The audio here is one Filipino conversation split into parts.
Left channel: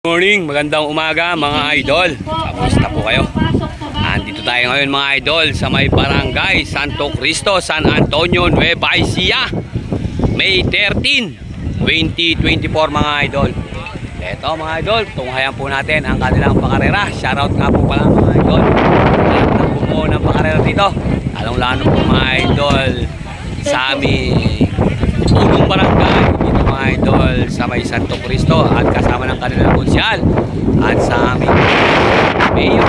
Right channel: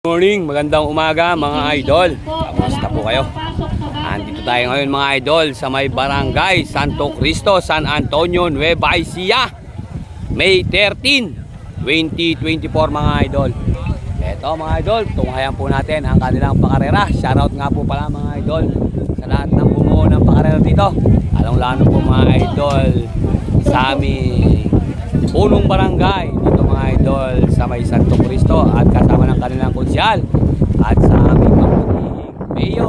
Morning, magandang umaga mga idol. Kamusta po kayo? Andito tayo ngayon mga idol sa may barangay Santo Cristo, San Antonio, Nueva Ecija, May 13, 2024 mga idol. Eto mga idol, tunghayan po natin ang kanilang pakarera. Shoutout nga po pala mga idol lahat ng bumuo ng pakarera dito, lalong-lalo po mga idol sa aming punong barangay dito mga idol sa may Santo Cristo, at kasama ng kanilang konsyal at sa aming mayor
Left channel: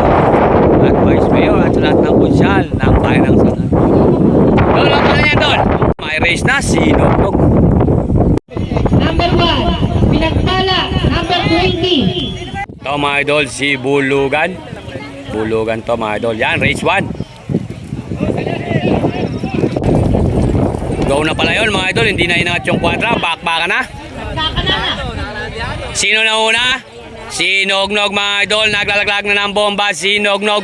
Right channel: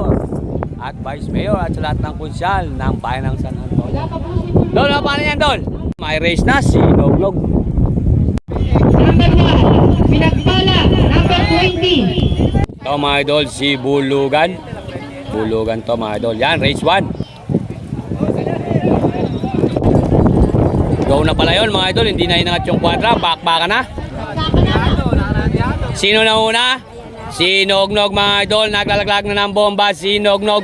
at vice mayor at sa lahat ng konsyal ng bayan ng San Antonio. Dol, ang paano yan Dol? May race na si Nognog. Number 1, Pinagpala. Number 20. Ito mga idol, si Bulugan. Bulugan to mga idol. Yan, race 1. Go na pala yun mga idol, hindi na inangat yung kwadra, bakbaka na. Sino na una? Si Nognog mga idol, naglalaglag na ng bomba si Nognog.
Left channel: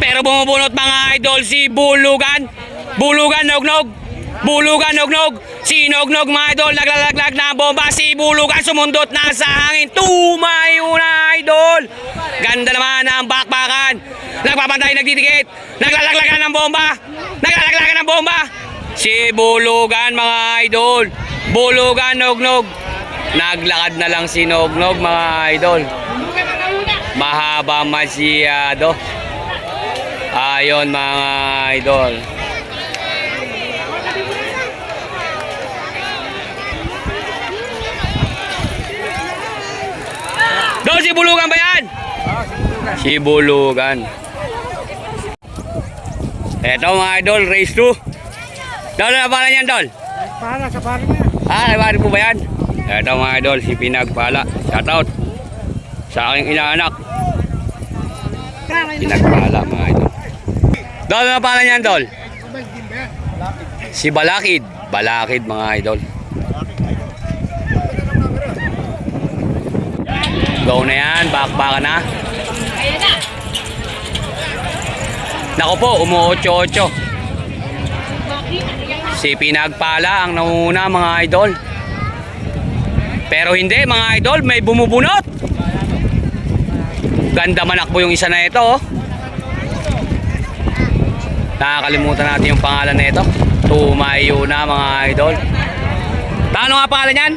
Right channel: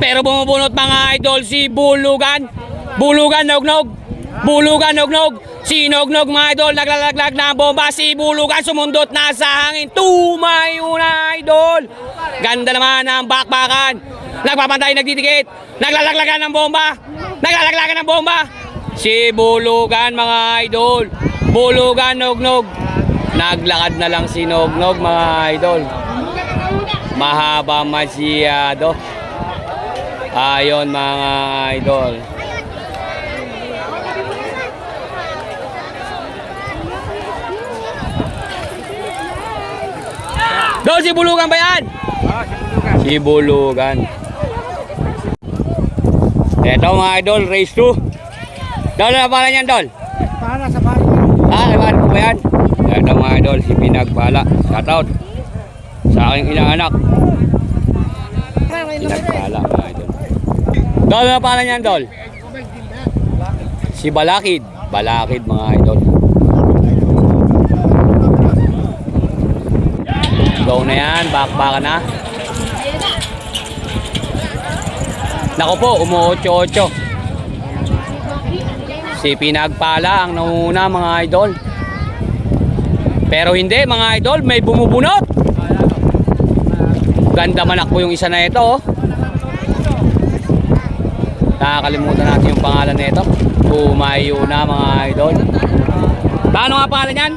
Pero bumubunot mga idol si Bulugan. Bulugan, Nognog. Bulugan, Nognog. Si Nognog mga idol, naglalaglag na ng bomba si Bulugan, sumundot na sa hangin. Tumayo na idol. Ganda naman ang bakbakan. Nagpapantay, nagdidikit. Naglalaglagan ng bomba. Naglalaglagan ng bomba. Si Bulugan mga idol. Bulugan, Nognog. Naglakad na lang si Nognog mga idol. Mahaba masyado. Ayon mga idol. Dol, si Bulugan ba yan? Si Bulugan. Eto mga idol, race 2. Dol, na pala niyan, Dol? Para sa bakit. Kay Bari po ba yan? Ito mga idol, si Pinagpala. Shoutout sa aking inaanak. Pinagpala mga idol. Dol, na pala niyan, Dol? Si Balakid. Balakid mga idol. Go na yan, bakbaka na. Nako po, umu-8-8. Si Pinagpala ang nanguna mga idol. Pero hindi mga idol, may bumubunot. Ganda manak po yung isa na ito oh. Nakakalimutan natin yung pangalan na ito. Tumayo na mga idol. Paano nga pangalan yan?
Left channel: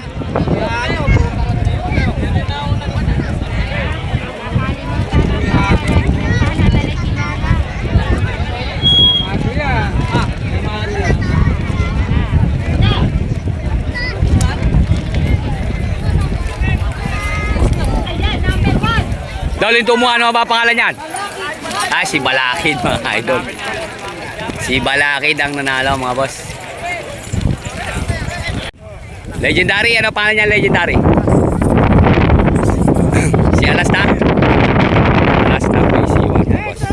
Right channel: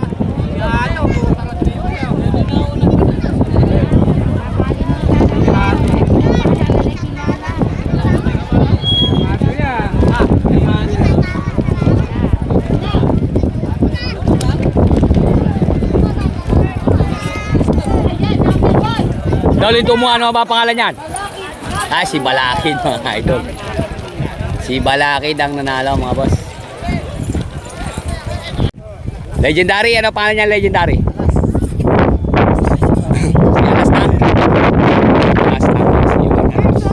Dol, ito mo ano ba pangalan yan? Ah, si Balakid mga idol. Si Balakid ang nanalo mga boss. Legendary, ano pangalan niya Legendary? Si Alastang. Alastang po si Iwan mga boss.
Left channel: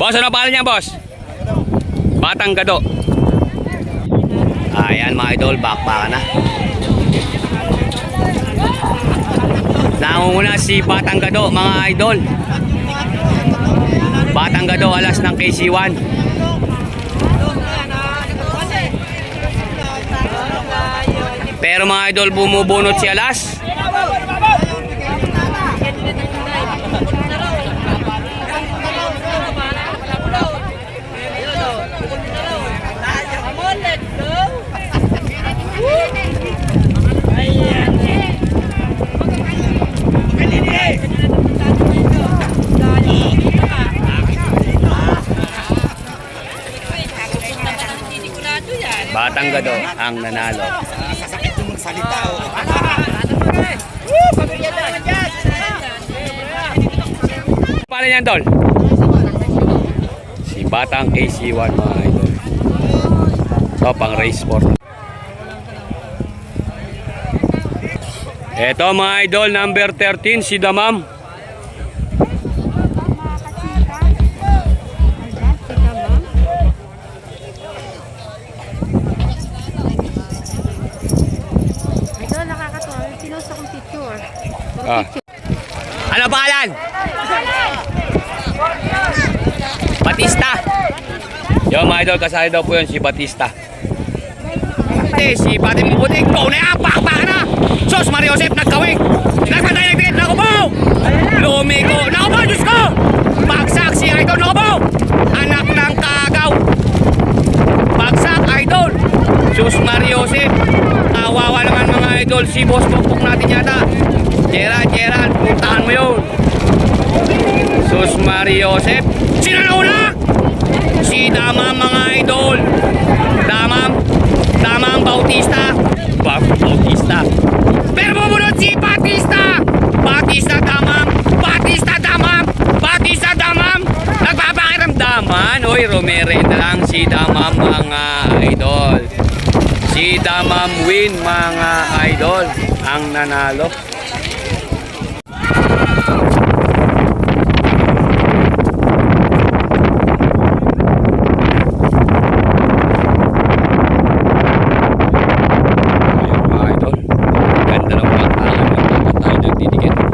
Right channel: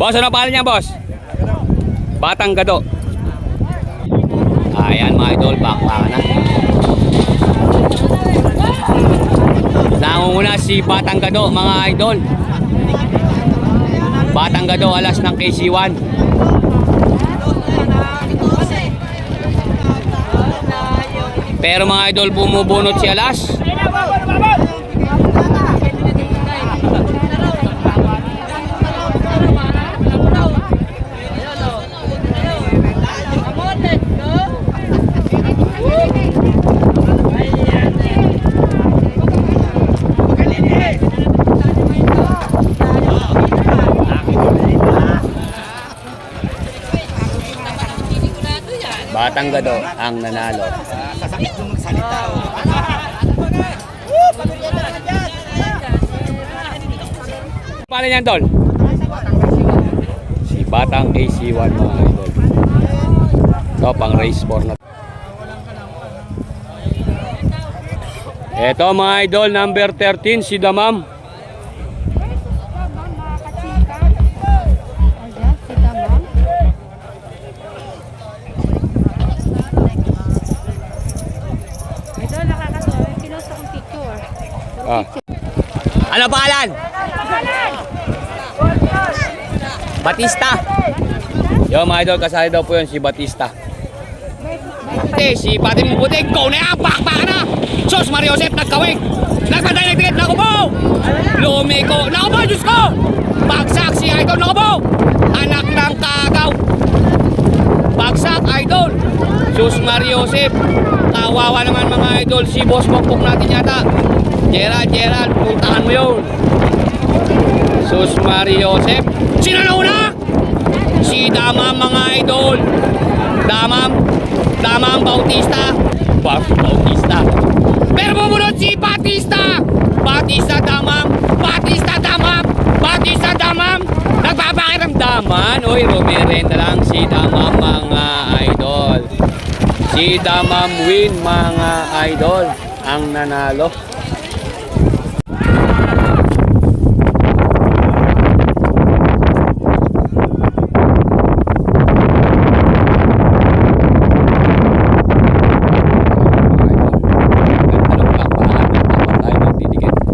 Boss, ano pangalan niya boss? Batang Gado. Ayan mga idol, bakbaka na. Nangunguna si Batang Gado mga idol. Batang Gado alas ng KC1. Pero mga idol, bumubunot si Alas. Batang Gado ang nanalo. Paano yan, Dol? Si Batang KC1 mga idol. So, pang race sport na. Ito mga idol, number 13 si Damam. Ano pangalan? Batista. Yo mga idol, kasali daw po yun si Batista. 50. Si Pati Mabuting. Go na yan. Bakbakan na. Sos Mario Joseph nagkawig. Nagpatay nagtigit. Naku po. Lumiko. Naku po. Diyos ko. Bagsak si Idol. Naku po. Anak ng kagaw. Bagsak Idol. Sos Mario Joseph. Kawawa naman mga idol. Si Boss Pokpok natin yata. Gerald. Puntahan mo yun. Sos Mario Joseph. Sino na una? Si Damam mga idol. Damam Bautista. Bautista. Pero bumunod si Batista. Batista Damam. Nagpapakiramdaman. Uy, rumirenda lang si Damam mga idol. Si Damam win mga idol. Ang nanalo.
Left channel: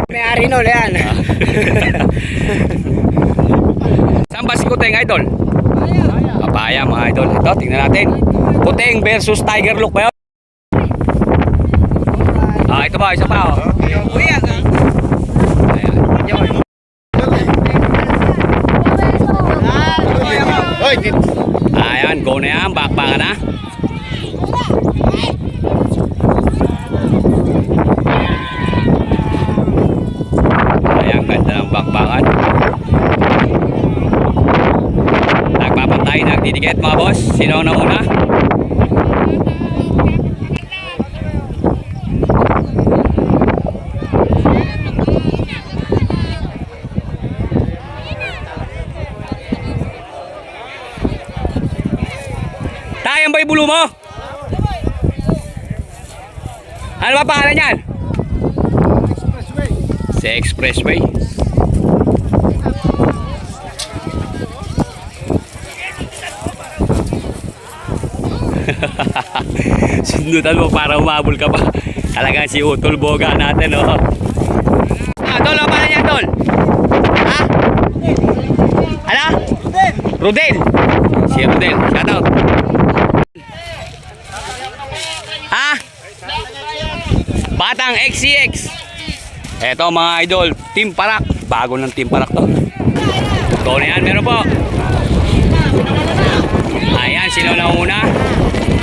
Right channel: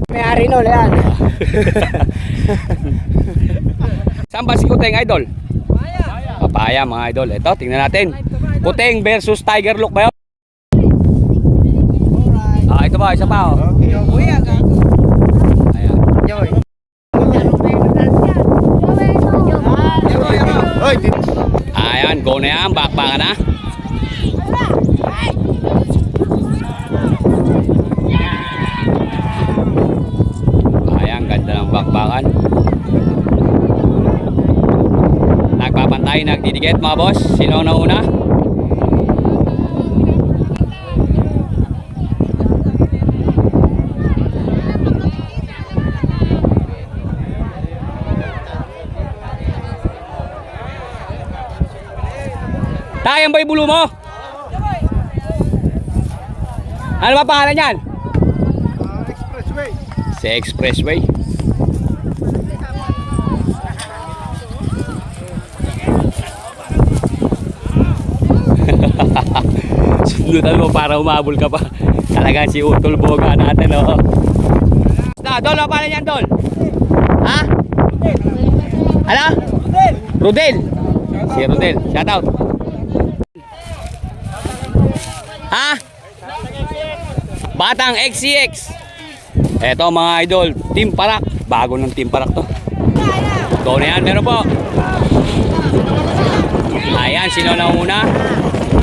May-ari nun, yan. Saan ba si Kuteng idol? Papaya mga idol. Ito, tingnan natin. Kuteng versus Tiger Look ba yun? Ito ba? Isa pa oh. Ayan, go na yan. Bakbakan na. Ayan, ganda ng bakbakan. Nagpapantay, nagdidikit mga boss. Sino ang nauna? Tayang ba yung bulo mo? Ano ba pangalan yan? Sa Expressway. Sundutan mo para umabol ka pa. Talaga si Utol Boga natin, oh. Tol, ano pangalan yan, Tol? Ha? Ala? Rodel. Si Rodel. Shout out. Ha? Batang XCX. Eto mga idol, Team Parak. Bago ng Team Parak to. Ito na yan, meron po. Ayan, sino nauna?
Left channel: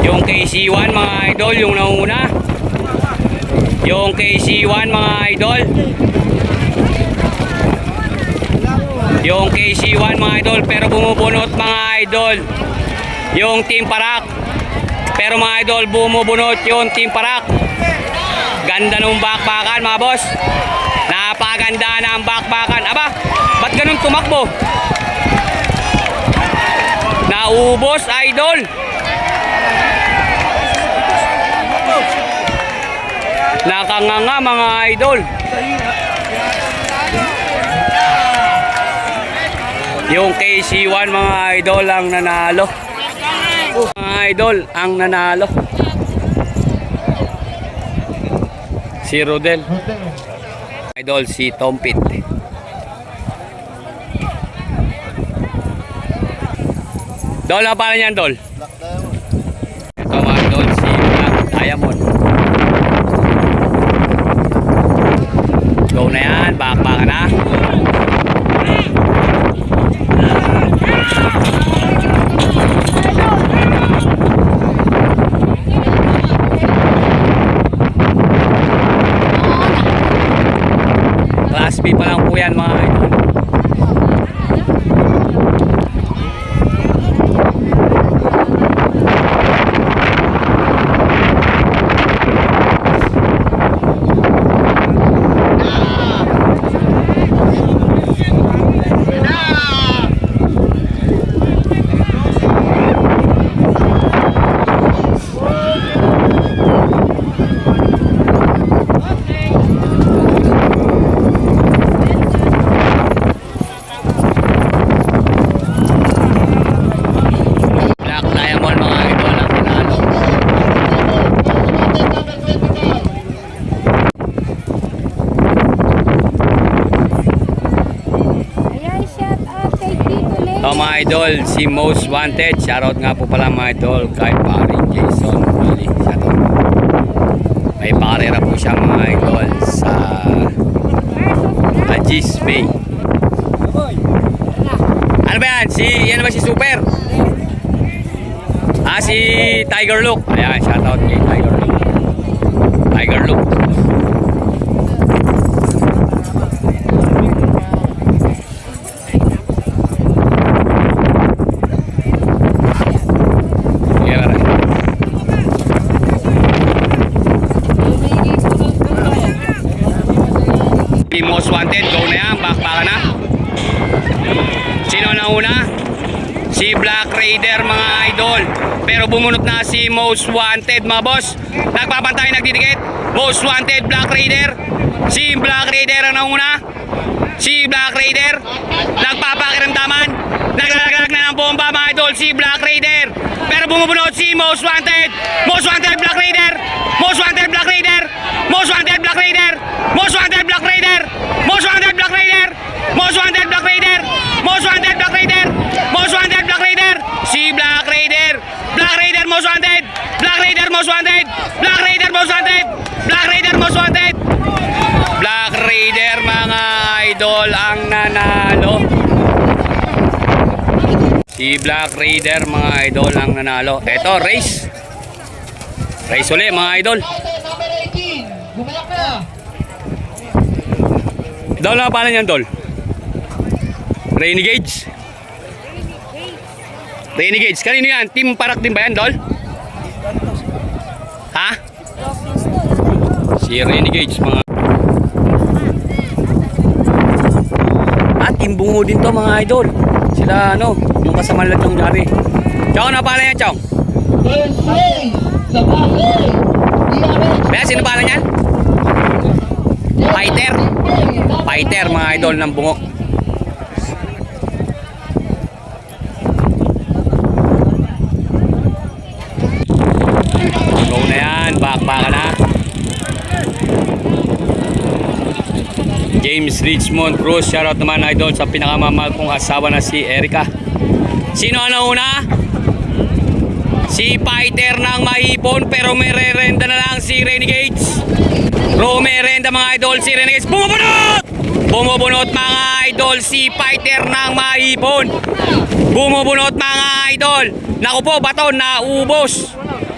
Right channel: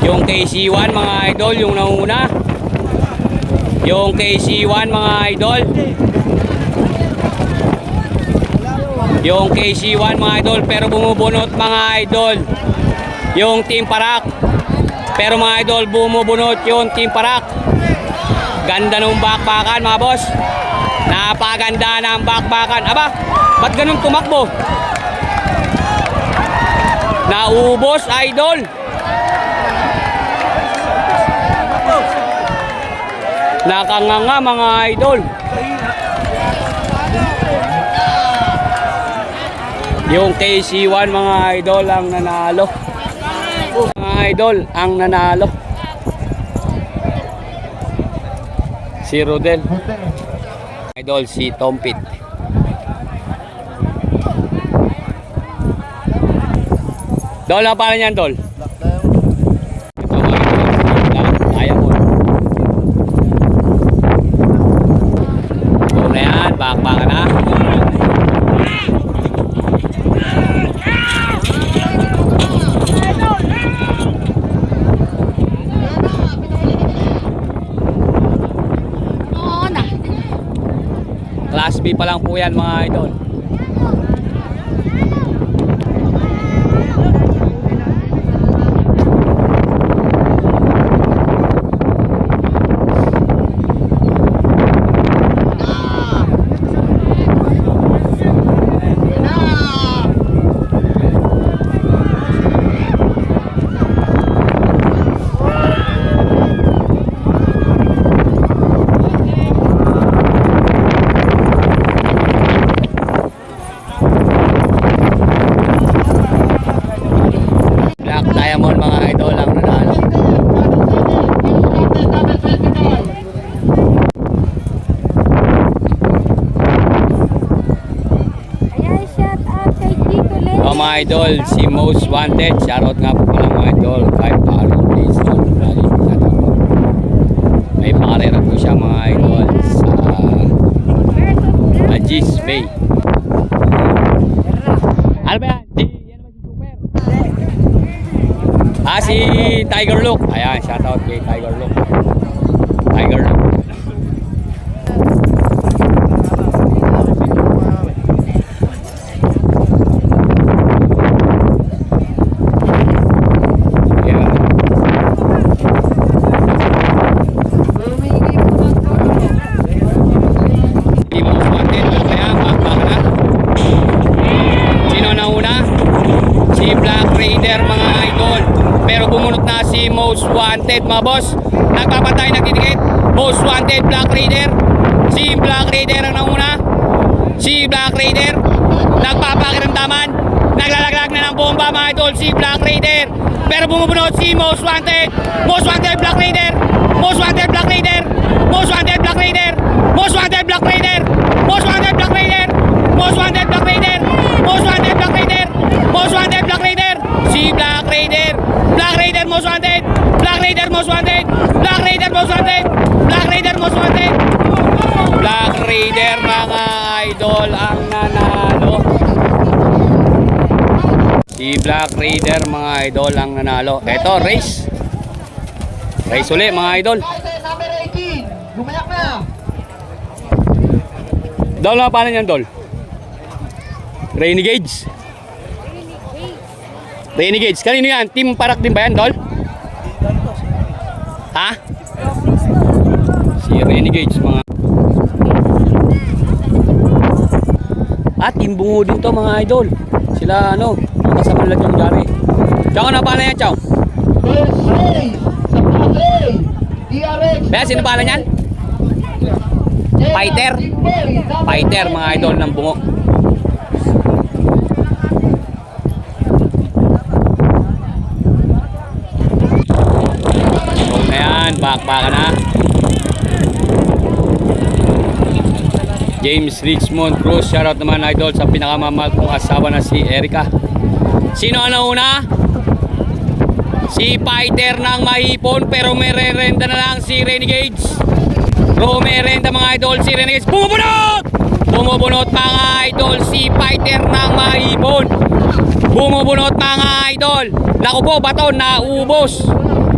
Yung KC1 mga idol, yung nauna. Yung KC1 mga idol. Yung KC1 mga idol, pero bumubunot mga idol. Yung Team Parak. Pero mga idol, bumubunot yung Team Parak. Ganda ng bakbakan mga boss. Napaganda ng bakbakan. Aba, ba't ganun tumakbo? Naubos idol. Nakanganga mga idol. Yung KC1 mga idol ang nanalo. Mga idol ang nanalo. Si Rodel. Idol si Tompit. Dol, ang pangalan niyan, Dol? Ito mga Dol, si Diamond. Go na yan, bakbakan na. Class B pa lang po yan mga idol. Diamond mga idol ang nanalo. So mga idol, si Most Wanted, shoutout nga po pala mga idol kay Paring Jason. May pakarera po siya mga idol sa Agis Bay. Ano ba yan? Yan ba si Super? Si Tiger Look. Ayan, shoutout kay Tiger Look. Tiger Look. Most wanted, go na yan, bakbaka na. Sino na una? Si Black Raider mga idol. Pero bumunot na si Most Wanted mga boss. Nagpapantay, nagtitikit. Most Wanted, Black Raider. Si Black Raider ang nauna. Si Black Raider nagpapakiramdaman. Naglalaglag na ng bomba mga idol si Black Raider. Pero bumubunot si Most Wanted. Most Wanted, Black Raider. Most Wanted, Black Raider. Most Wanted, Black Raider. Most Wanted, Black Raider. Most Wanted, Black Raider. Most Wanted, Black Raider. Most Wanted, Black Raider. Most Wanted, Black Raider. Si Black Raider. Black Raider, Most Wanted. Black Raider, Most Wanted. Black Raider, Most Wanted. Black Raider, Most Wanted. Black Raider mga idol ang nanalo. Si Black Raider mga idol ang nanalo. Eto, race. Race ulit mga idol. Number 18. Gumayak na. Dol, ano paano yan, Dol? Renegades. Renegades. Kanino yan? Team Parak din ba yan, Dol? Ha? Si Renegades, mga... Team Bungo din to, mga idol. Sila, ano, ang kasaman lang yung dami. Chong, ano paano yan, Chong? Kaya, sino paano yan? Fighter. Fighter mga idol ng Bungo. Go na yan. Bakbaka na. James Richmond Cruz. Shoutout naman idol sa pinakamamahal kong asawa na si Erica. Sino ang una? Si Fighter ng Mahipon. Pero may re-renda na lang si Renegades. Romerenda mga idol, si Renegades. Bumubunot! Bumubunot mga idol, si Fighter ng Mahipon. Bumubunot mga idol. Naku po, bato, naubos.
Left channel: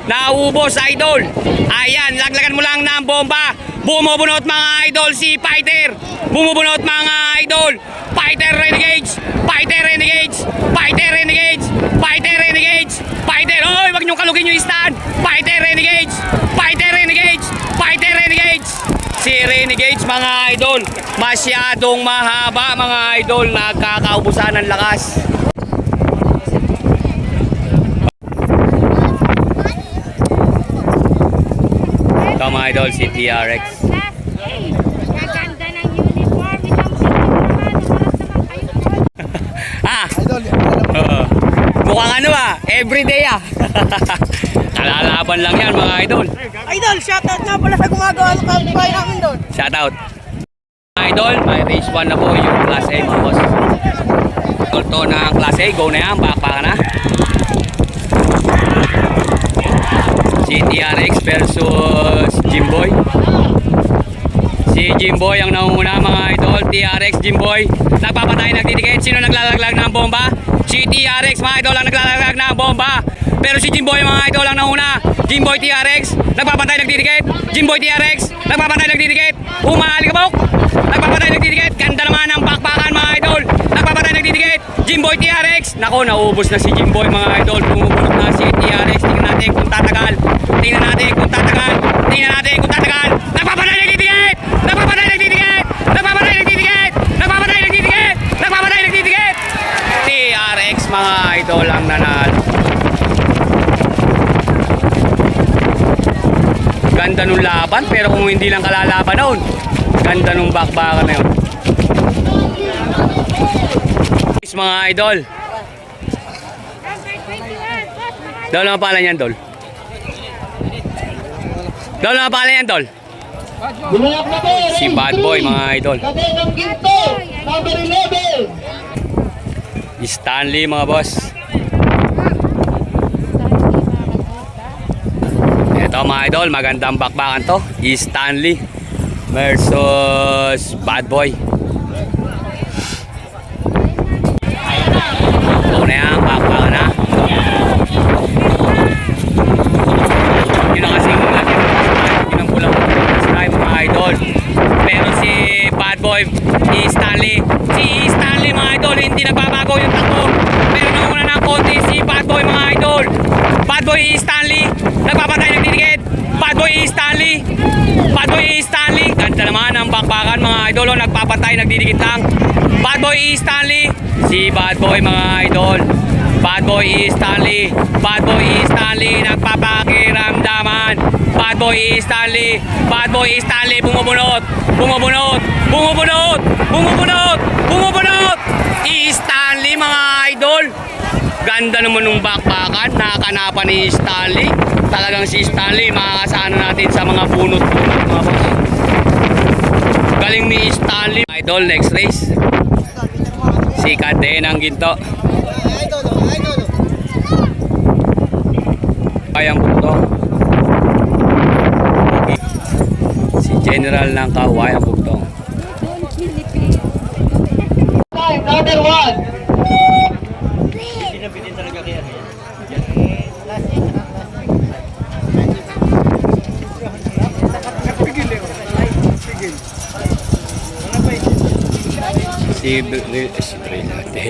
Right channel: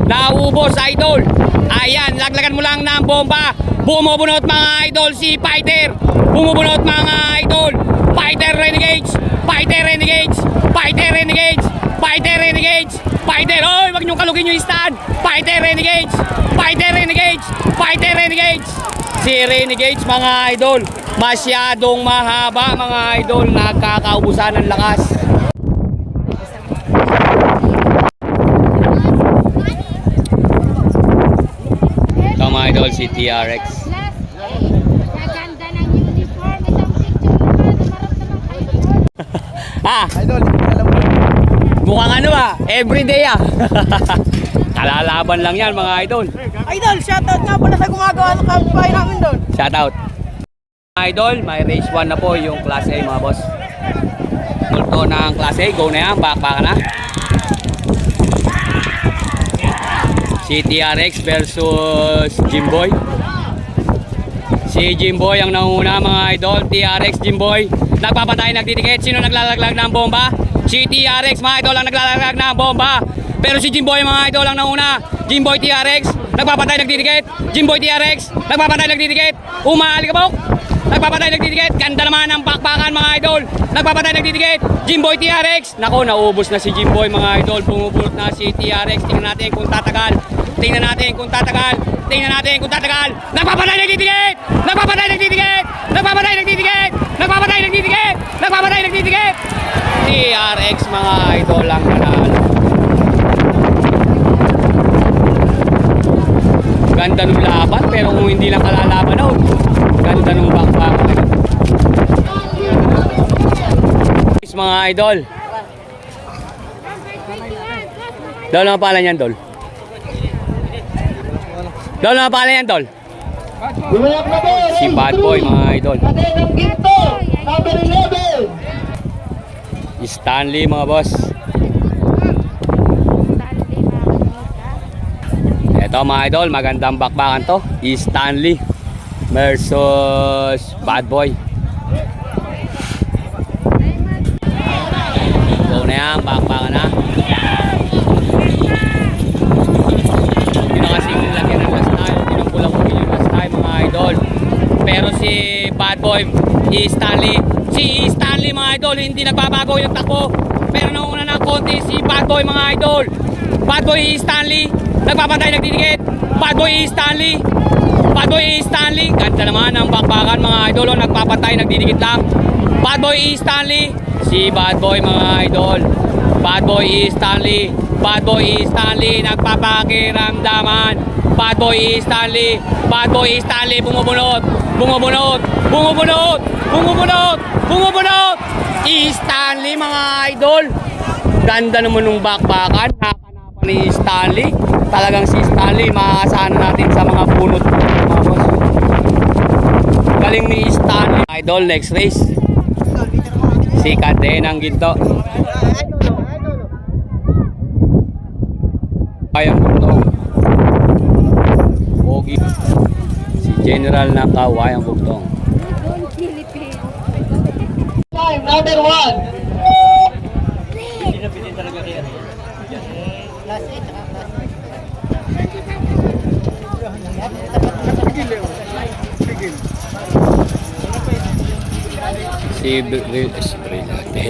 Naubos idol. Ayan, laglagan mo lang ng bomba. Bumubunot mga idol, si Fighter. Bumubunot mga idol. Fighter Renegades. Fighter Renegades. Fighter Renegades. Fighter Renegades. Fighter, oy, wag niyong kalugin yung stand. Fighter Renegades. Fighter Renegades. Fighter Renegades. Si Renegades mga idol, masyadong mahaba mga idol, nagkakaubusan ng lakas. Ito mga idol, si TRX. Gaganda ng uniform, Idol. Mukhang ano everyday Kalalaban lang yan mga idol. Idol, shoutout nga pala sa gumagawa ng campfire namin doon. Shoutout. Mga idol, may race 1 na po yung Class A mga boss. Tulto ng Class A, go na yan, bakbaka na. Si TRX versus Jimboy. Si Jimboy ang nanguna mga idol. TRX, Jimboy. Nagpapatay, nagtitikit. Sino naglalaglag ng bomba? Si TRX mga idol ang naglalaglag ng bomba. Pero si Jimboy mga idol ang nauna. Jimboy TRX, nagpapatay, nagtitikit. Jimboy TRX, nagpapatay, nagtitikit. Umahalikabok. Nagpapatay, nagtitikit. Ganda naman ang bakbakan mga idol. Nagpapatay, nagtitikit. Jimboy TRX. Nako, naubos na si Jimboy mga idol. Pumupulot na si TRX. Tingnan natin kung tatagal. Tingnan natin kung tatagal. Tingnan natin kung tatagal. Nagpapatay, nagtitikit. Nagpapatay, nagtitikit. Nagpapatay, nagtitikit. Nagpapatay, nagtitikit. Nagpapatay, nagtitikit. TRX mga idol ang nanalo. Ganda nung laban, pero kung hindi lang kalalaban noon, ganda nung bakbakan na yun. Mga idol. Dol, ano pala yan, Dol? Dol, ano pala yan, Dol? Si Bad Boy, mga idol. Stanley, mga boss. Ito Ito mga idol, magandang bakbakan to. Stanley versus Bad Boy. Ito na yan, bakbakan na. Hindi na kasi pulang mga idol. Pero si Bad Boy, si Stanley mga idol, hindi nagbabago yung takbo. Pero nauna ng konti si Bad Boy mga idol. Bad Boy Stanley, nagpapantay, nagdidikit. Bad Boy Stanley, Bad Boy Stanley. Ganda naman ang bakbakan mga idol, nagpapantay, nagdidikit lang. Bad Boy Stanley, si Bad Boy mga idol. Bad Boy Stanley, Bad Boy Stanley, nagpapakiramdaman. Bad Boy Stanley, Bad Boy Stanley, bumubunot, bumubunot, bumubunot, bumubunot, bumubunot. Stanley mga idol. Ganda naman nung bakbakan, nakakanapan ni Stanley. Talagang si Stanley, makakasana natin sa mga bunot mga boss. Galing ni Stanley. Idol, next race. Si Cadenang Ginto. Kayang Bugtong. Si General ng Kawayang Bugtong. Time number 1.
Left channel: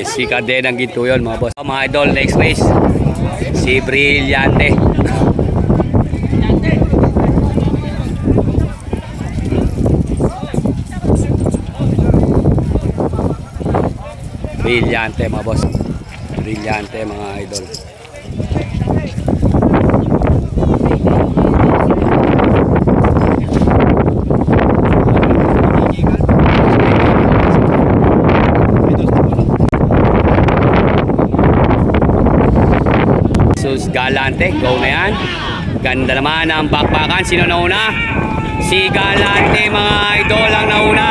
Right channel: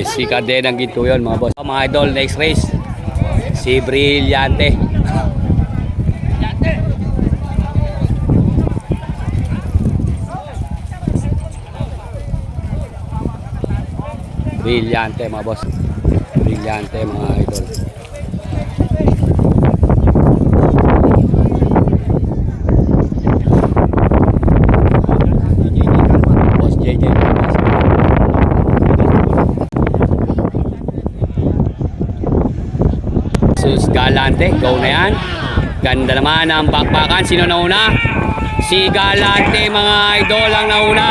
Si Cadenang Ginto yun mga boss. Mga idol, next race. Si Brillante. Brillante mga boss. Brillante mga idol. Sus Galante, go na yan. Ganda naman ang bakbakan. Sino nauna? Si Galante mga idol ang nauna.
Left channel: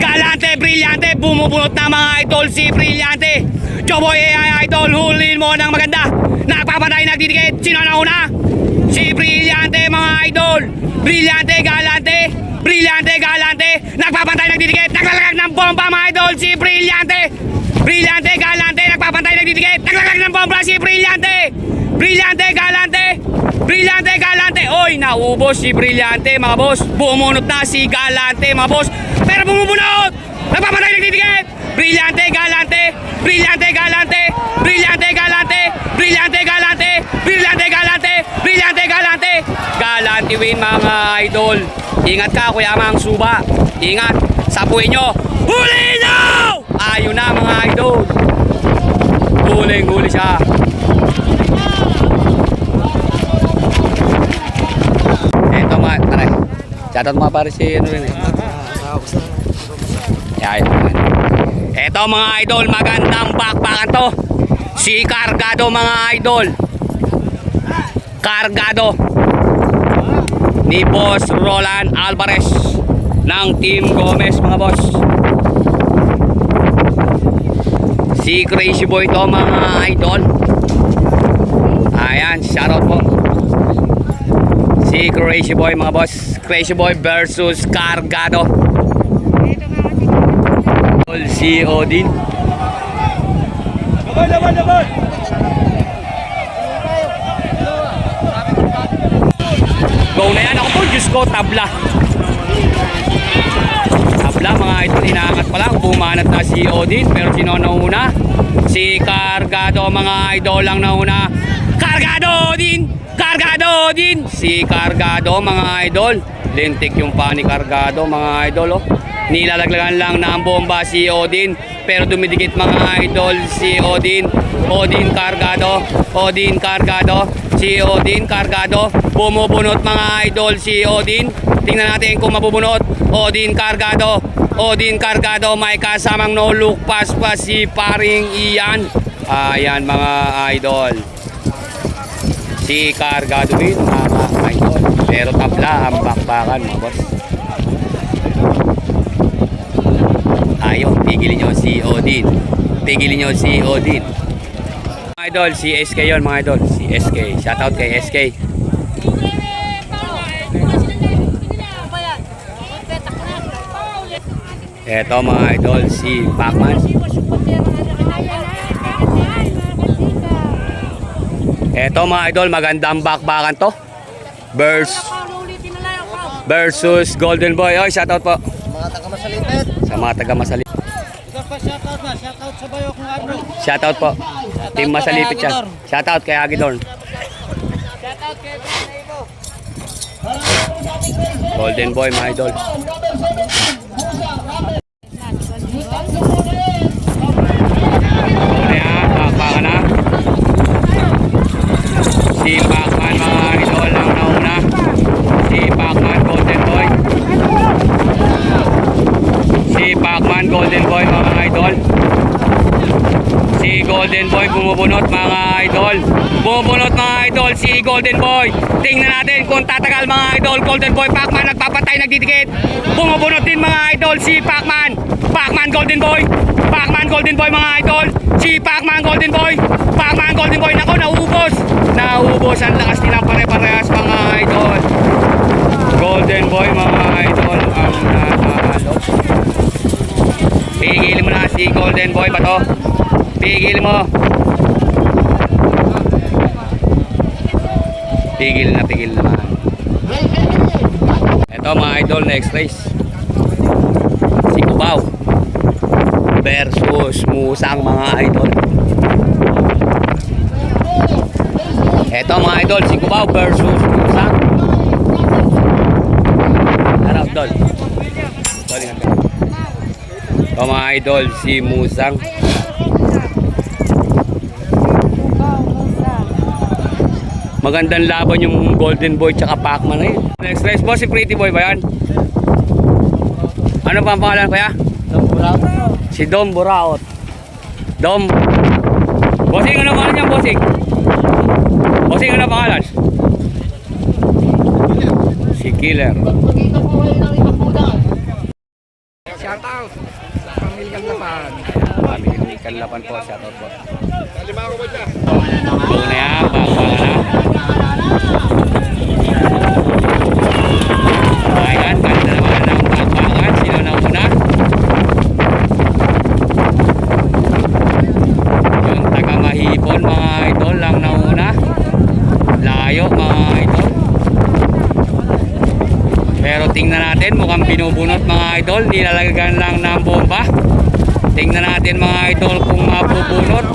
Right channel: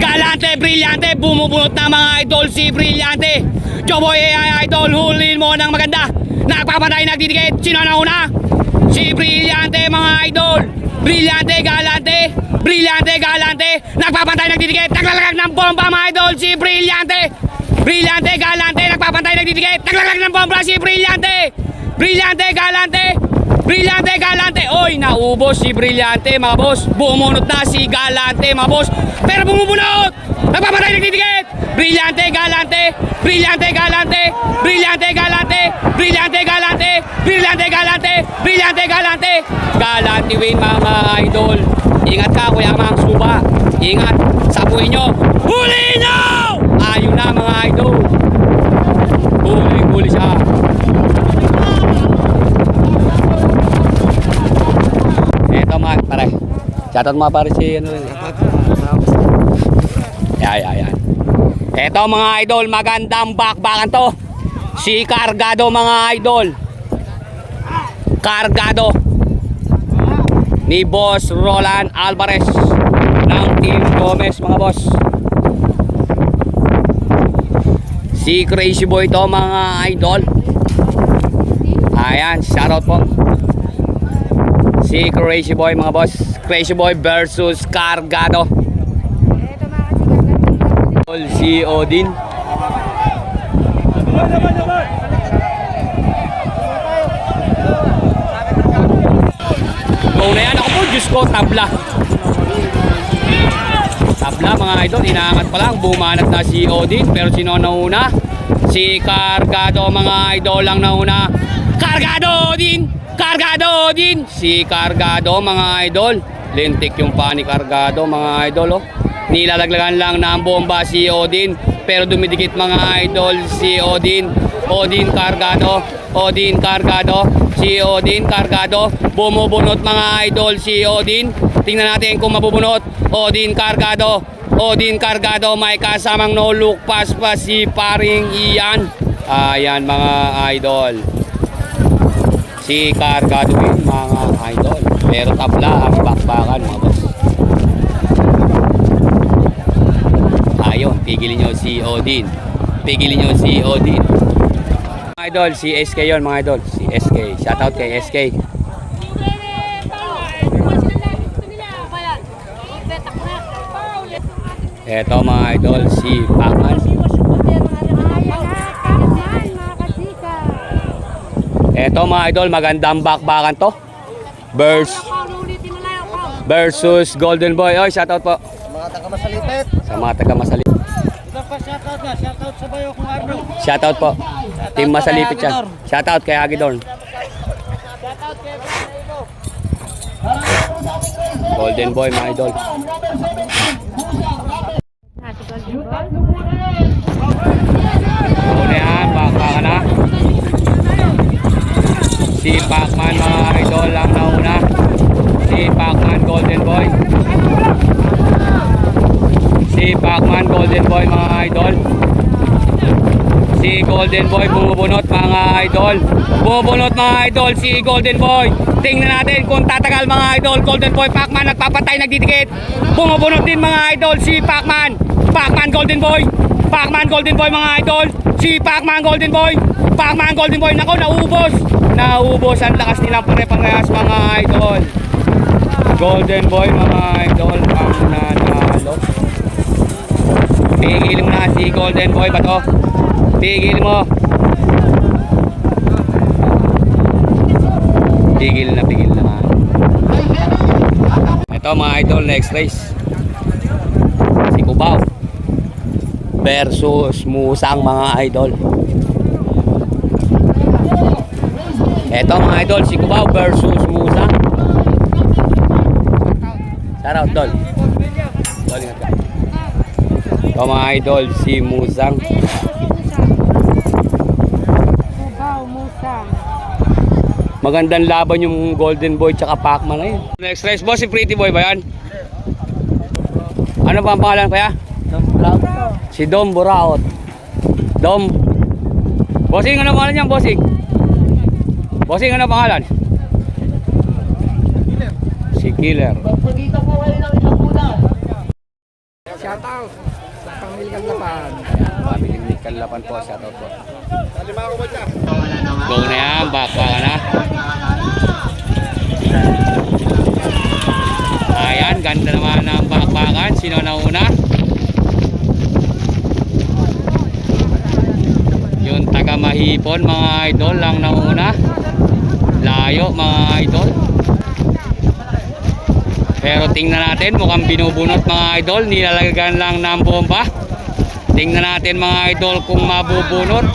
Galante, Brillante, bumubunot na mga idol si Brillante. Joboy AI idol, hulin mo ng maganda. Nagpapatay, nagdidikit. Sino nauna? Si Brillante mga idol. Brillante, Galante, Brillante, Galante. Nagpapatay, nagdidikit. Naglalagag ng bomba mga idol si Brillante. Brillante, Galante, nagpapatay, nagdidikit. Naglalagag ng bomba si Brillante. Brillante, Galante, Brillante, Galante. Oy, naubos si Brillante mga boss. Bumunot na si Galante mga boss. Pero bumubunot. Nagpapatay, nagdidikit. Brillante, Galante, Brillante, Galante, Brillante, Galante, Brillante, Galante, Brillante, Galante, Brillante, Galante. Galante win mga idol. Ingat ka Kuya Mang Suba. Ingat, sapuin nyo. Huli nyo! Ayun na mga idol. Huling-huli siya. Eto mga pare. Shoutout mga pare si ano rin eh. Yan. Eto mga idol, magandang bakbakan to. Si Cargado mga idol. Cargado ni Boss Roland Alvarez ng Team Gomez mga boss. Si Crazy Boy to mga idol. Ayan, shoutout po. Si Crazy Boy mga boss. Crazy Boy versus Cargado. Si Odin. Go na yan. Ako po, Diyos ko, tabla. Tabla mga idol, inaangat pa lang. Bumanat na si Odin. Pero sino nauna? Si Cargado mga idol lang nauna. Cargado Odin! Cargado Odin! Si Cargado mga idol. Lintik yung pa ni Cargado mga idol oh. Nilalaglagan lang na ang bomba si Odin. Pero dumidikit mga idol si Odin. Odin Cargado. Odin Cargado. Si Odin Cargado. Bumubunot mga idol si Odin. Tingnan natin kung mabubunot. Odin Cargado. Odin Cargado. May kasamang no look pass pa si paring Ian. Ayan mga idol. Si Cargado din mga idol. Pero tabla ang bakbakan mga boss. Ayun, pigilin nyo si Odin. Pigilin nyo si Odin. Mga idol, si SK yun mga idol. Si SK. Shoutout kay SK. Eto mga idol, si Pacman. Eto mga idol, magandang bakbakan to. Versus Golden Boy. Oy, shoutout po. Mga taga-Masalipit. Sa mga taga Masalipit. Ito pa shoutout nga. Shoutout sa bayo kung ano. Shoutout po. Team po Masalipit kay siya. Agidor. Shoutout kay Agidor. Shoutout kay Brian Ibo. Golden Boy mga idol. So yan, bakbakan na. Si Pacman mga idol ang nauna. Si Pacman Golden Boy. Si Pacman Golden Boy mga idol. Si Golden Boy bumubunot mga idol. Bumubunot mga idol si Golden Boy. Tingnan natin kung tatagal mga idol. Golden Boy Pacman nagpapatay, nagdidikit. Bumubunot din mga idol si Pacman. Pacman Golden Boy. Pacman Golden Boy mga idol. Si Pacman Golden Boy. Pacman Golden Boy. Nako, naubos. Naubos ang lakas nilang pare-parehas mga idol. Golden Boy mga idol ang nanalo. Pigilin mo na si Golden Boy ba to? Pigilin mo. Pigil naman. Ito mga idol, next race. Si Cubao versus Musang mga idol. Ito mga idol, si Cubao versus Musang. Tara, Dol. Dol, ingat ka. Ito mga idol, si Musang. Magandang laban yung Golden Boy tsaka Pacman na yun. Next race boss, si Pretty Boy ba yan? Ano pa ang pangalan kaya? Si Dom Buraot. Dom. Bossing, ano pangalan niyan, bossing? Bossing, ano pangalan? Si Killer. Shoutout sa Pamilyang Lapan. Pamilyang Lapan po, shoutout po. Go na yan, bakbakan na. Ayan, ganda naman ng bakbakan. Sino na una? Yung taga Mahipon mga idol lang nauna. Layo mga idol. Pero tingnan natin, mukhang binubunot mga idol. Nilalagyan lang ng bomba. Tingnan natin mga idol kung mabubunot.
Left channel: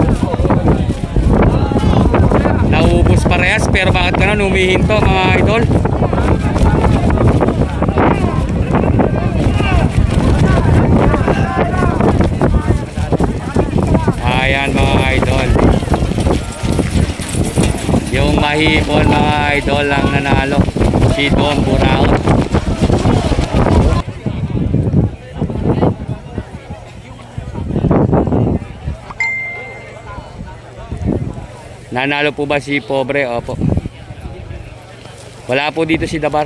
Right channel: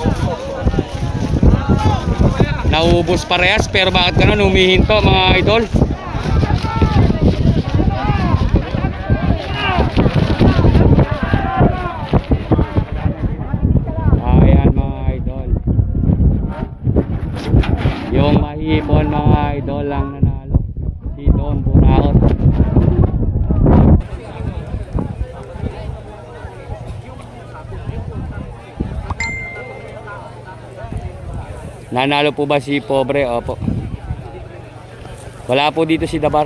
Naubos parehas, pero bakit ganun humihinto mga idol? Ayan mga idol. Yung Mahipon mga idol lang nanalo. Si Dom Buraot. Nanalo po ba si Pobre? Opo. Wala po dito si Dabar.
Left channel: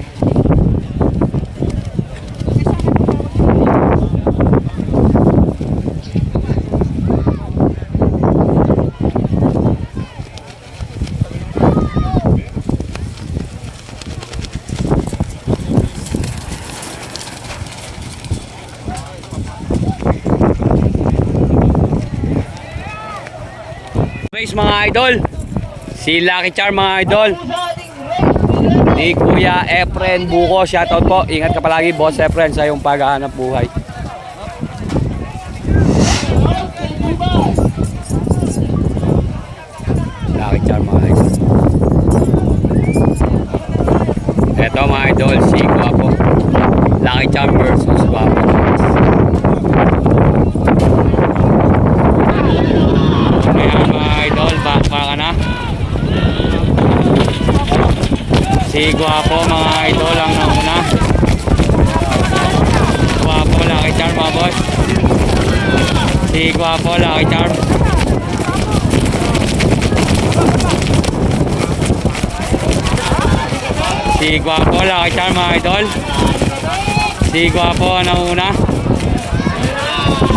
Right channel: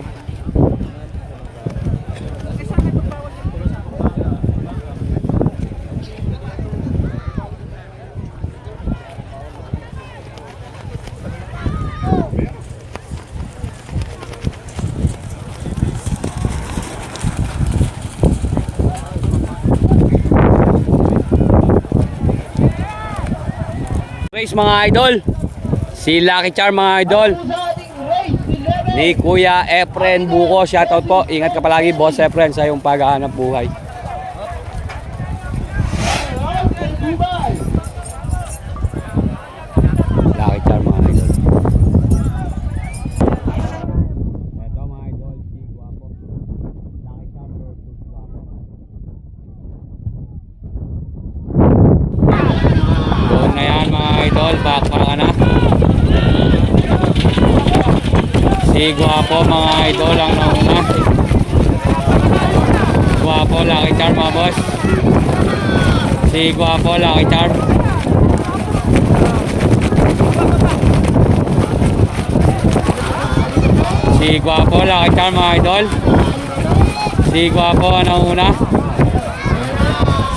Race mga idol. Si Lucky Charm mga idol. Ni Kuya Efren Buko, shoutout po. Ingat ka palagi boss Efren sa iyong paghahanap buhay. Lucky Charm mga idol. Eto mga idol, si Guapo. Lucky Charm versus Guapo. Doon na yan mga idol, bakma ka na. Si Guapo mga idol ang nauna. Guapo, Lucky Charm mga boss. Si Guapo, Lucky Charm. Si Guapo, Lucky Charm mga idol. Si Guapo ang nauna.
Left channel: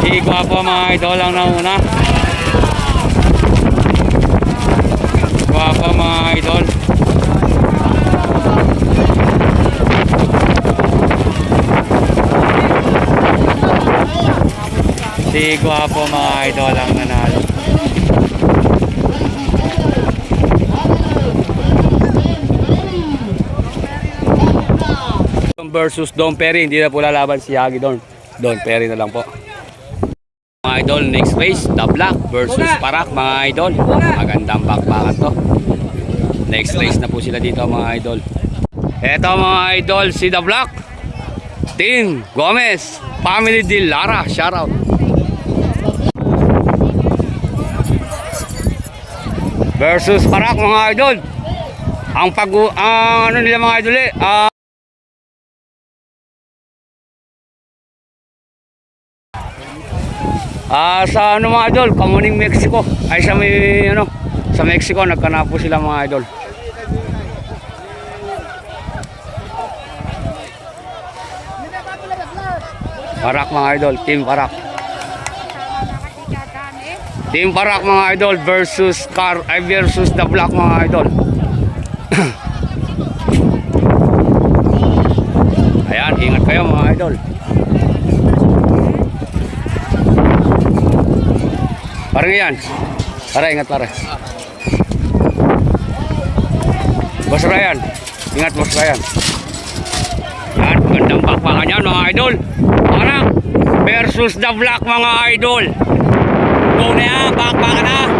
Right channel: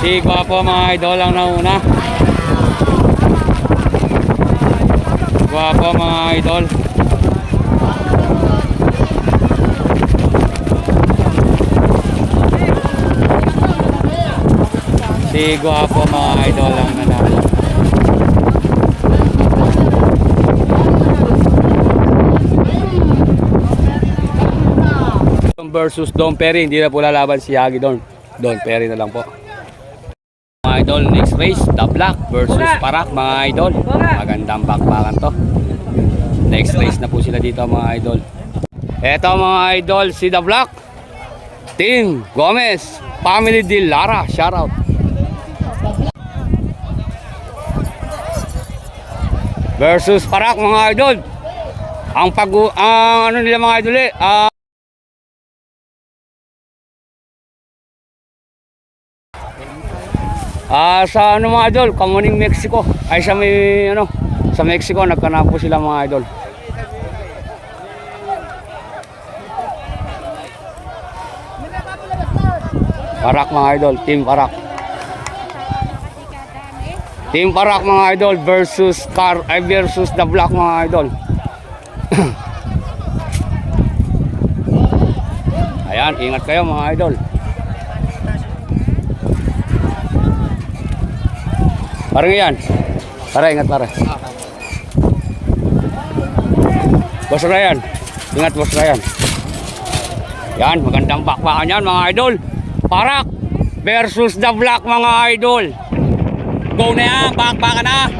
Si Guapo mga idol ang nauna. Guapo mga idol. Si Guapo mga idol ang nanalo. Versus Don Perry, hindi na po lalaban si Yagi Don. Don Perry na lang po. Mga idol, next race, The Black versus Parak mga idol. Magandang bakbakan to. Next race na po sila dito mga idol. Eto mga idol, si The Black, Team Gomez, Family de Lara, shoutout. Versus Parak mga idol. Ang ano nila mga idol sa ano mga idol, Kamuning Mexico. Ay sa may ano, sa Mexico nagkanap po sila mga idol. Parak mga idol, Team Parak. Team Parak mga idol versus versus The Black mga idol. Ayan, ingat kayo mga idol. Parang yan. Pare, ingat pare. Boss Ryan. Ingat Boss Ryan. Yan, magandang bakbakan yan mga idol. Parak versus The Black mga idol. Go na yan, bakbakan na.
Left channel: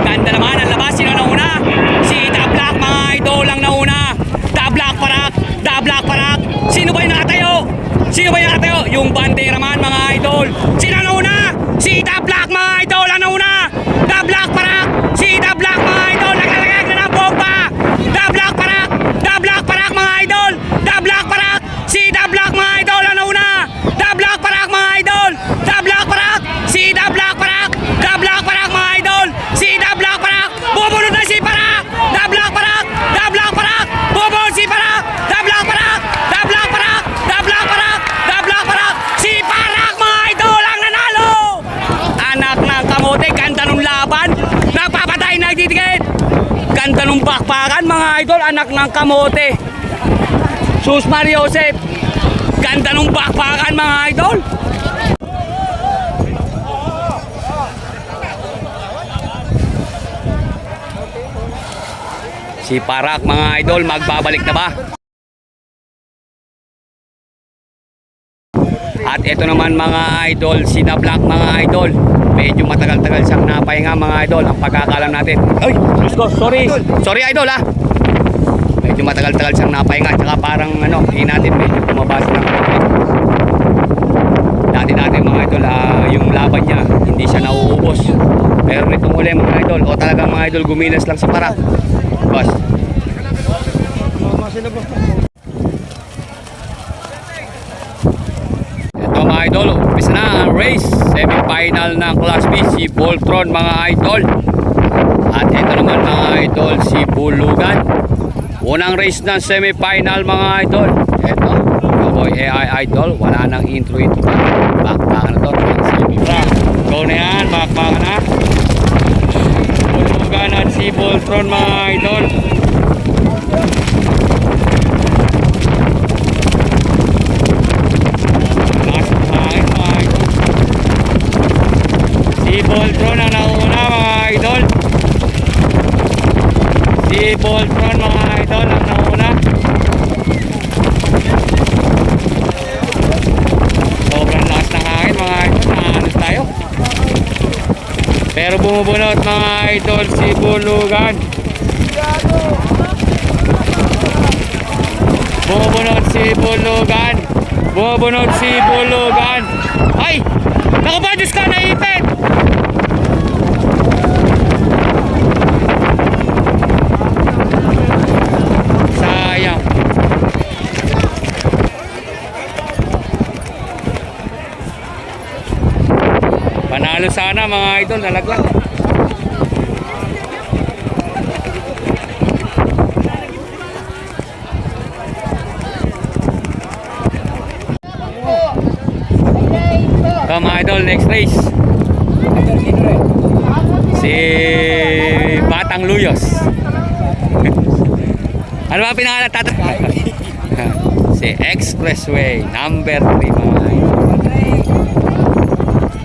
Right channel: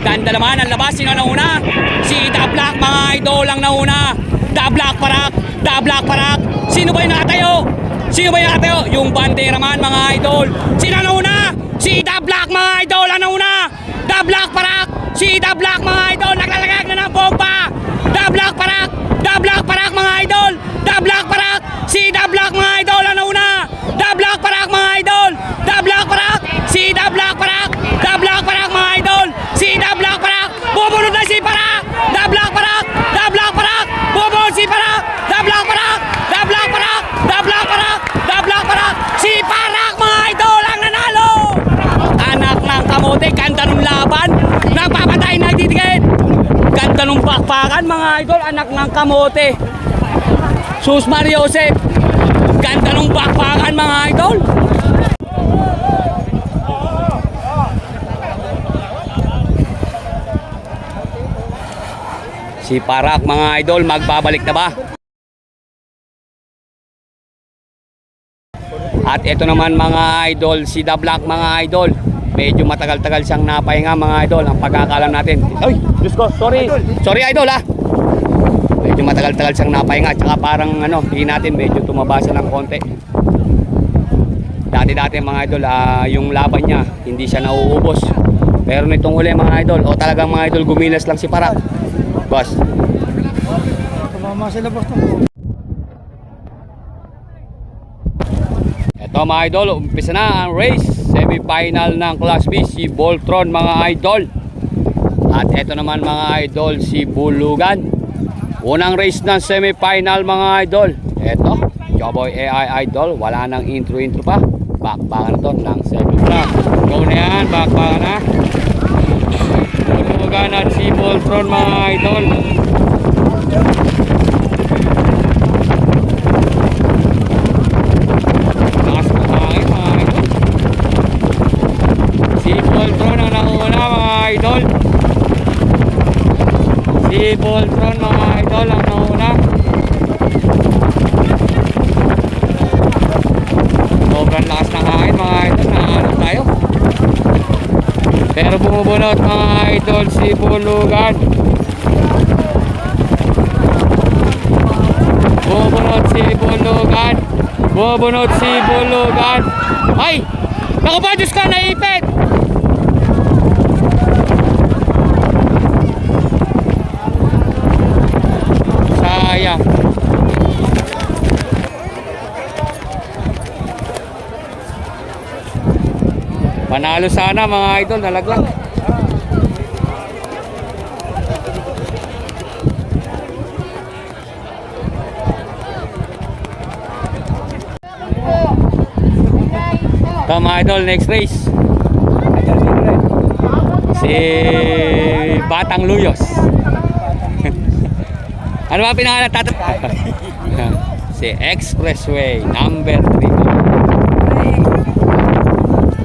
Ganda naman ang labas. Sino nauna? Si The Black mga idol ang nauna. The Black Parak. The Black Parak. Sino ba yung nakatayo? Sino ba yung nakatayo? Yung bandera man mga idol. Sino nauna? Si The Black mga idol ang nauna. The Black Parak. Si The Black mga idol. Naglalagag na ng bomba. The Black Parak. The Black Parak mga idol. The Black Parak. Si The Black mga idol ang nauna. The Black Parak mga idol. The Black Parak. Si The Black Parak. The Black Parak mga idol. Si The Black Parak. Bubunod na si Parak. The Black Parak. The Black Parak. Bubunod si Parak. The Black Parak. The Black Parak. The Black Parak. The Black Parak. Si Parak mga idol ang nanalo. Anak ng kamote, ganda nung laban. Nagpapatay, nagtitigit. Ganda nung bakbakan mga idol, anak ng kamote. Sus Mario Joseph. Ganda nung bakbakan mga idol. Si Parak mga idol, magbabalik na ba? At ito naman mga idol, si The Black mga idol. Medyo matagal-tagal siyang napahinga mga idol. Ang pagkakalam natin. Ay, Diyos ko, sorry. Sorry idol ha. Medyo matagal-tagal siyang napahinga. Tsaka parang ano, tingin natin medyo kumabasa ng konti. Dati-dati mga idol, yung laban niya, hindi siya nauubos. Pero nitong huli mga idol, o talagang mga idol, guminas lang si Parak. Boss. Ito mga idol, umpisa na ang race. Semi-final ng Class B, si Voltron mga idol. At ito naman mga idol, si Bulugan. Unang race ng semi-final mga idol. Ito, Cowboy AI idol. Wala nang intro pa. Bakbakan na to ang semi-final. Go na yan, bakbakan na. Bulugan at si Voltron mga idol. Si Voltron ang nauna mga idol. Si Voltron mga idol ang nauna. Sobrang lakas ng hangin mga idol. Nahanap tayo. Pero bumubunot mga idol si Bulugan. Bumubunot si Bulugan. Bumubunot si Bulugan. Ay! Naku ba, Diyos ka, naipit! Sayang. Panalo sana mga idol, nalaglag. Ito mga idol, next race. Si Batang Luyos. Ano ba pinangalan tatay? Si Expressway number 3.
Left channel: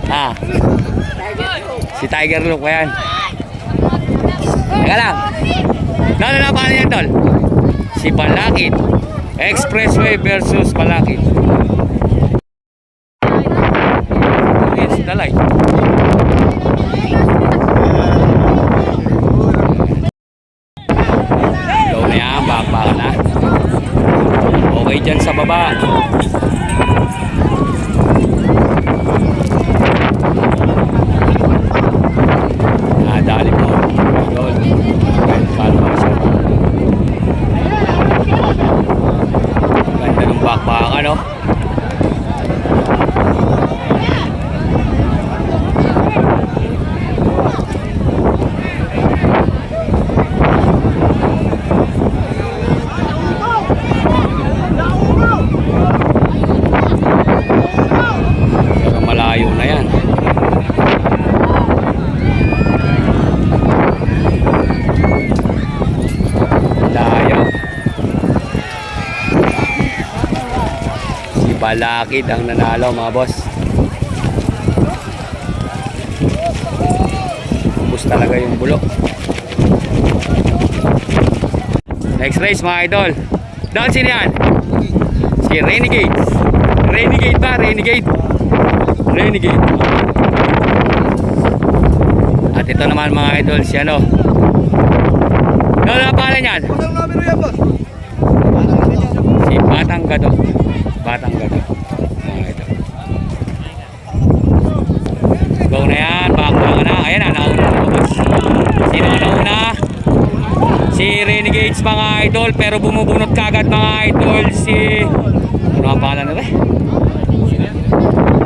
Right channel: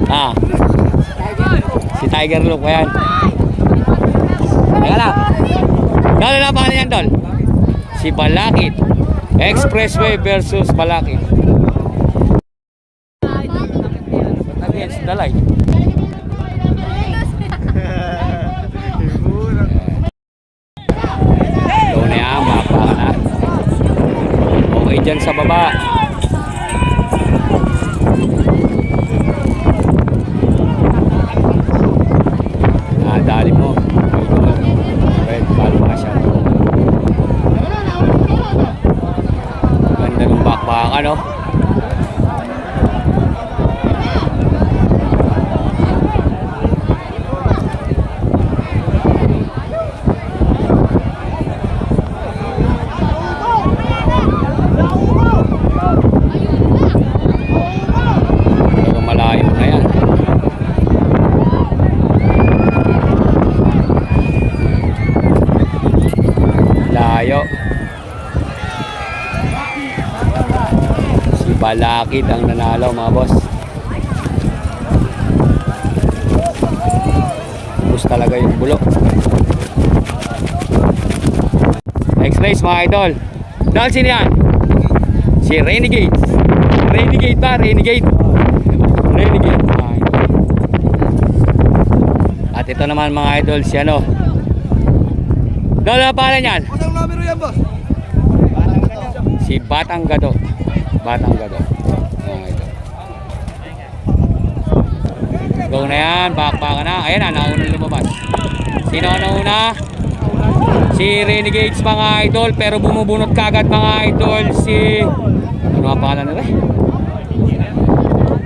Ah. Si Tiger Look ba yan? Teka lang. Dalo na paano yan, Tol? Si Balakid. Expressway versus Balakid. Yan si Dalay. Low na yan, baka na. Okay dyan sa baba. Nadali mo. Idol. Red Palma siya. Ganda ng bakbakan, no? Pero malayo na yan. Layo. Si Balakid ang nanalo, mga boss. Ubus talaga yung bulo. Next race, mga idol. Dahil sino yan? Si Renegade. Renegade ba? Renegade. Renegade. At ito naman, mga idol, si ano? Dahil na pala niyan? Si Batang Gadok. Batang Gadok. Mga idol. Go na yan. Bakbaka na. Ayan na. Nauna na naman. Sino nauna? Si Renegades, mga idol. Pero bumubunot kagad, mga idol. Si... Ano ang pangalan nila?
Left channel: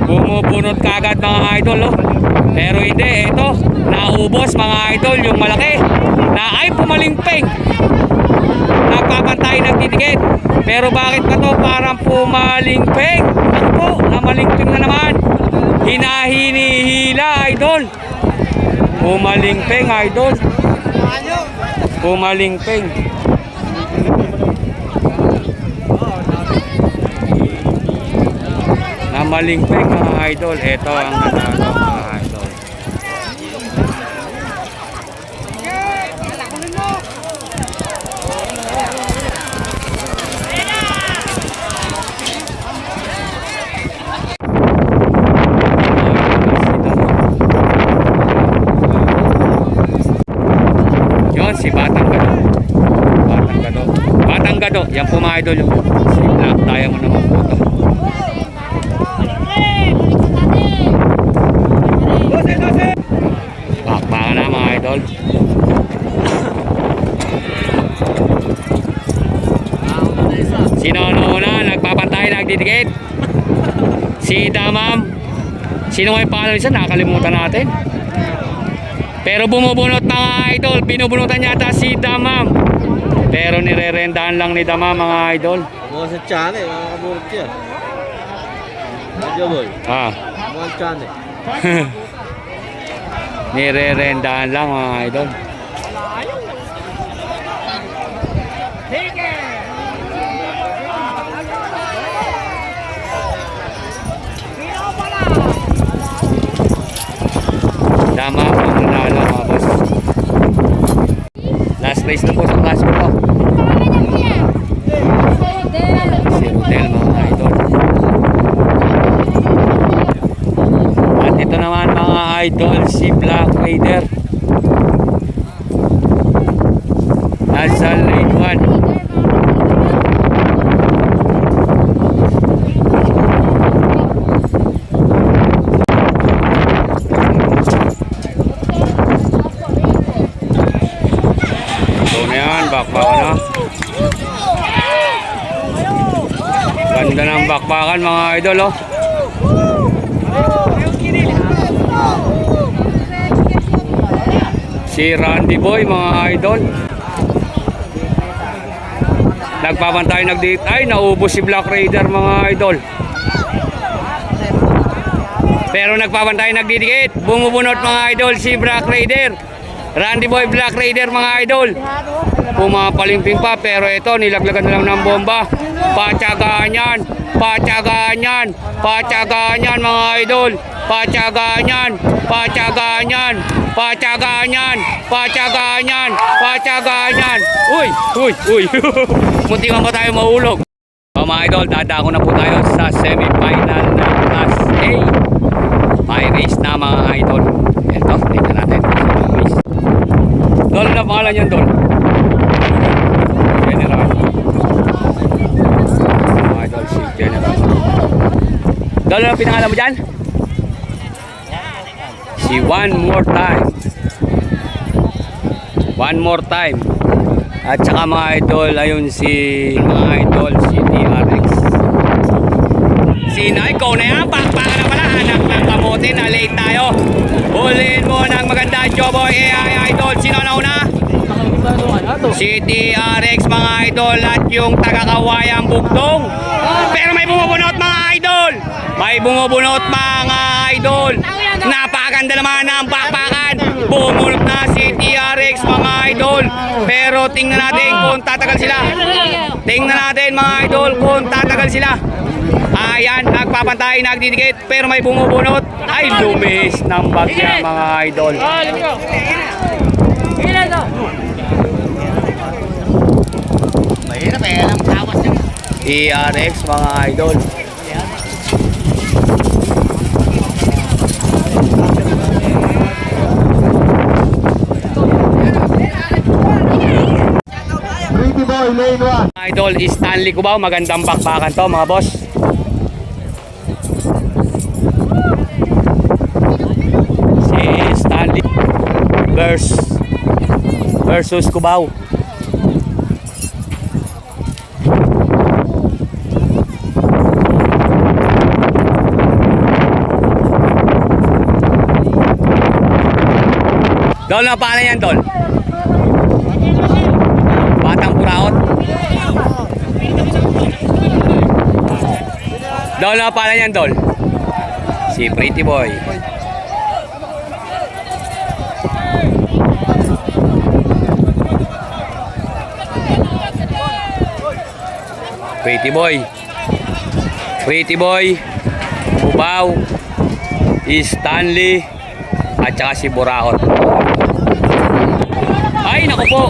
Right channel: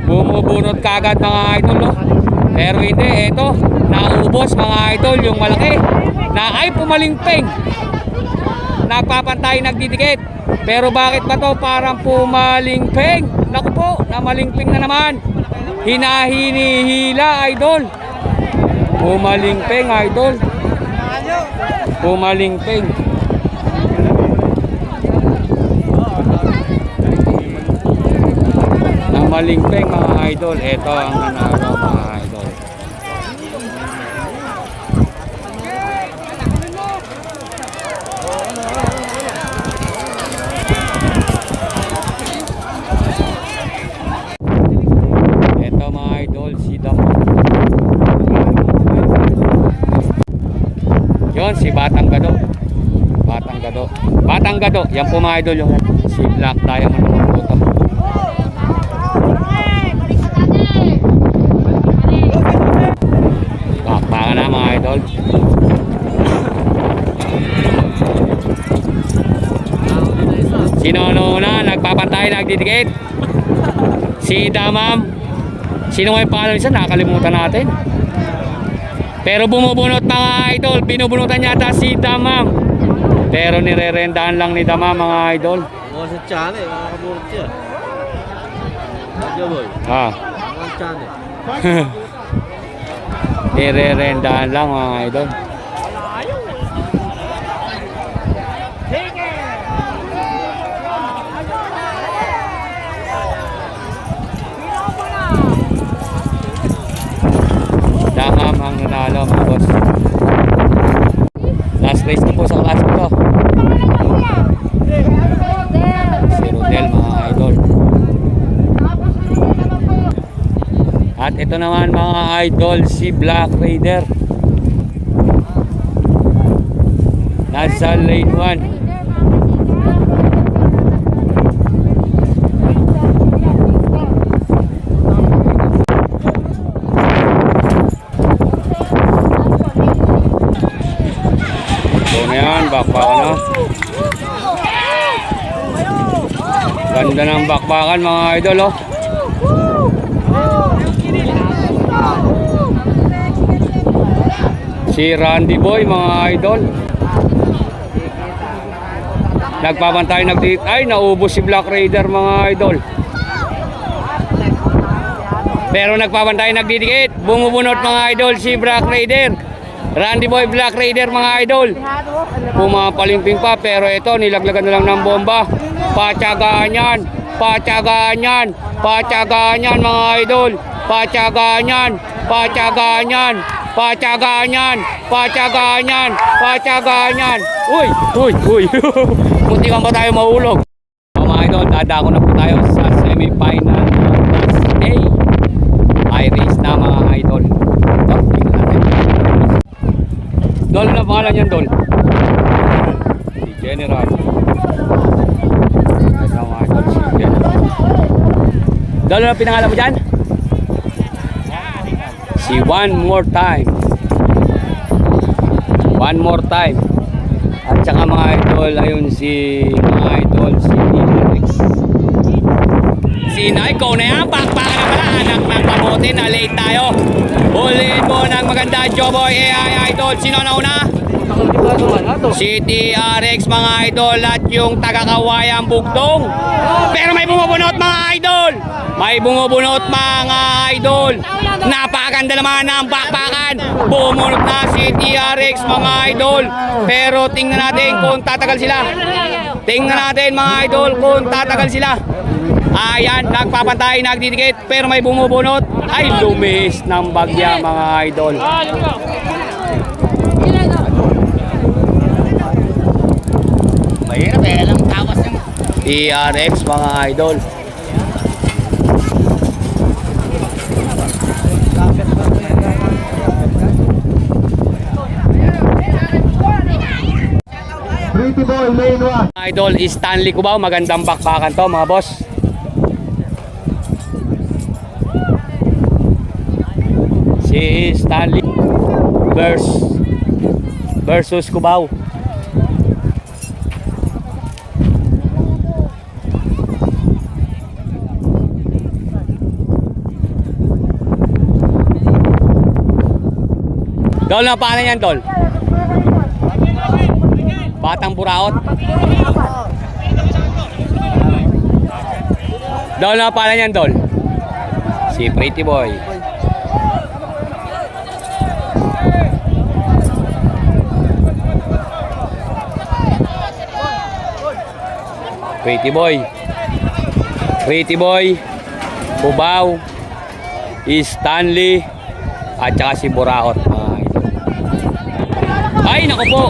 Bumubunot kagad, mga idol. No? Pero hindi. Ito. Naubos, mga idol. Yung malaki. Na ay pumalingping. Nagpapantay, nagdidikit. Pero bakit pa to parang pumalingping? Naku po, namalingping na naman. Hinahinihila, idol. Pumalingping, idol. Pumalingping. Namalingping, mga idol. Ito ang nanalo, mga idol. Yon si Batang Gado. Batang Gado. Batang Gado. Yan po, mga idol, yung si Black Diamond naman po to. Bakbaka na, mga idol. Sino una? Nagpapantay, nagdidikit. Si Damam. Sino nga yung pangalan isa? Nakalimutan natin. Pero bumubunot, mga idol. Binubunutan yata si Damam. Pero nire-rendahan lang ni Damam, mga idol. Mga sa tiyan eh, mga kabulot yan. Medyo boy, Ah. mga tiyan eh. Nire-rendahan lang, mga idol. Damam ang nanalo, mga boss. Last race na po sa class ko to. Si Rodel, mga idol. At ito naman, mga idol, si Black Raider. Nasa lane 1. Bakbakan na. Ganda ng bakbakan, mga idol, oh. Si Randy Boy, mga idol. Nagpapantay, nagdikit. Ay, naubos si Black Raider, mga idol. Pero nagpapantay, nagdidikit. Bumubunot, mga idol, si Black Raider. Randy Boy, Black Raider, mga idol. Pumapalimping pa, pero ito nilaglagan na lang ng bomba. Patyagaan yan, patyagaan yan, patyagaan yan, mga idol. Patyagaan yan. Patyagaan yan. Patyagaan yan. Patyagaan yan. Patyagaan yan. Uy! Uy! Uy! Puti man pa tayo mahulog. So mga idol, dadako na po tayo sa semi-final ng Class A. High race na mga idol. Ito, tingnan natin. Dol na pangalan yan, Dol. General. Mga idol, si General. Dol na pinangalan mo dyan? Si One More Time. One More Time. At saka mga idol, ayun si mga idol, si TRX. Sino? Ikaw na yan, pakpakan na pala. Anak ng kamote, na late tayo. Huliin mo ng maganda, Joboy AI Idol. Sino na una? Si TRX mga idol at yung taga-Kawayang Bugtong. Pero may bumubunot mga idol. May bumubunot mga idol. Napakaganda naman ang bakbakan. Bumunot na si TRX mga idol. Pero tingnan natin kung tatagal sila. Tingnan natin mga idol kung tatagal sila. Ayan, nagpapantay, nagdidikit. Pero may bumubunot. Ay, lumis ng bagya mga idol. TRX mga idol. Pretty boy, lane 1. Mga idol, Stanley Cubao, magandang bakbakan to mga boss. Si Stanley versus Cubao. Dol, na paano yan, Dol? Batang Buraot. Dol, na paano yan, Dol? Si Pretty Boy. Pretty Boy. Pretty Boy. Cubao. Stanley. At saka si Buraot. Ay, naku po.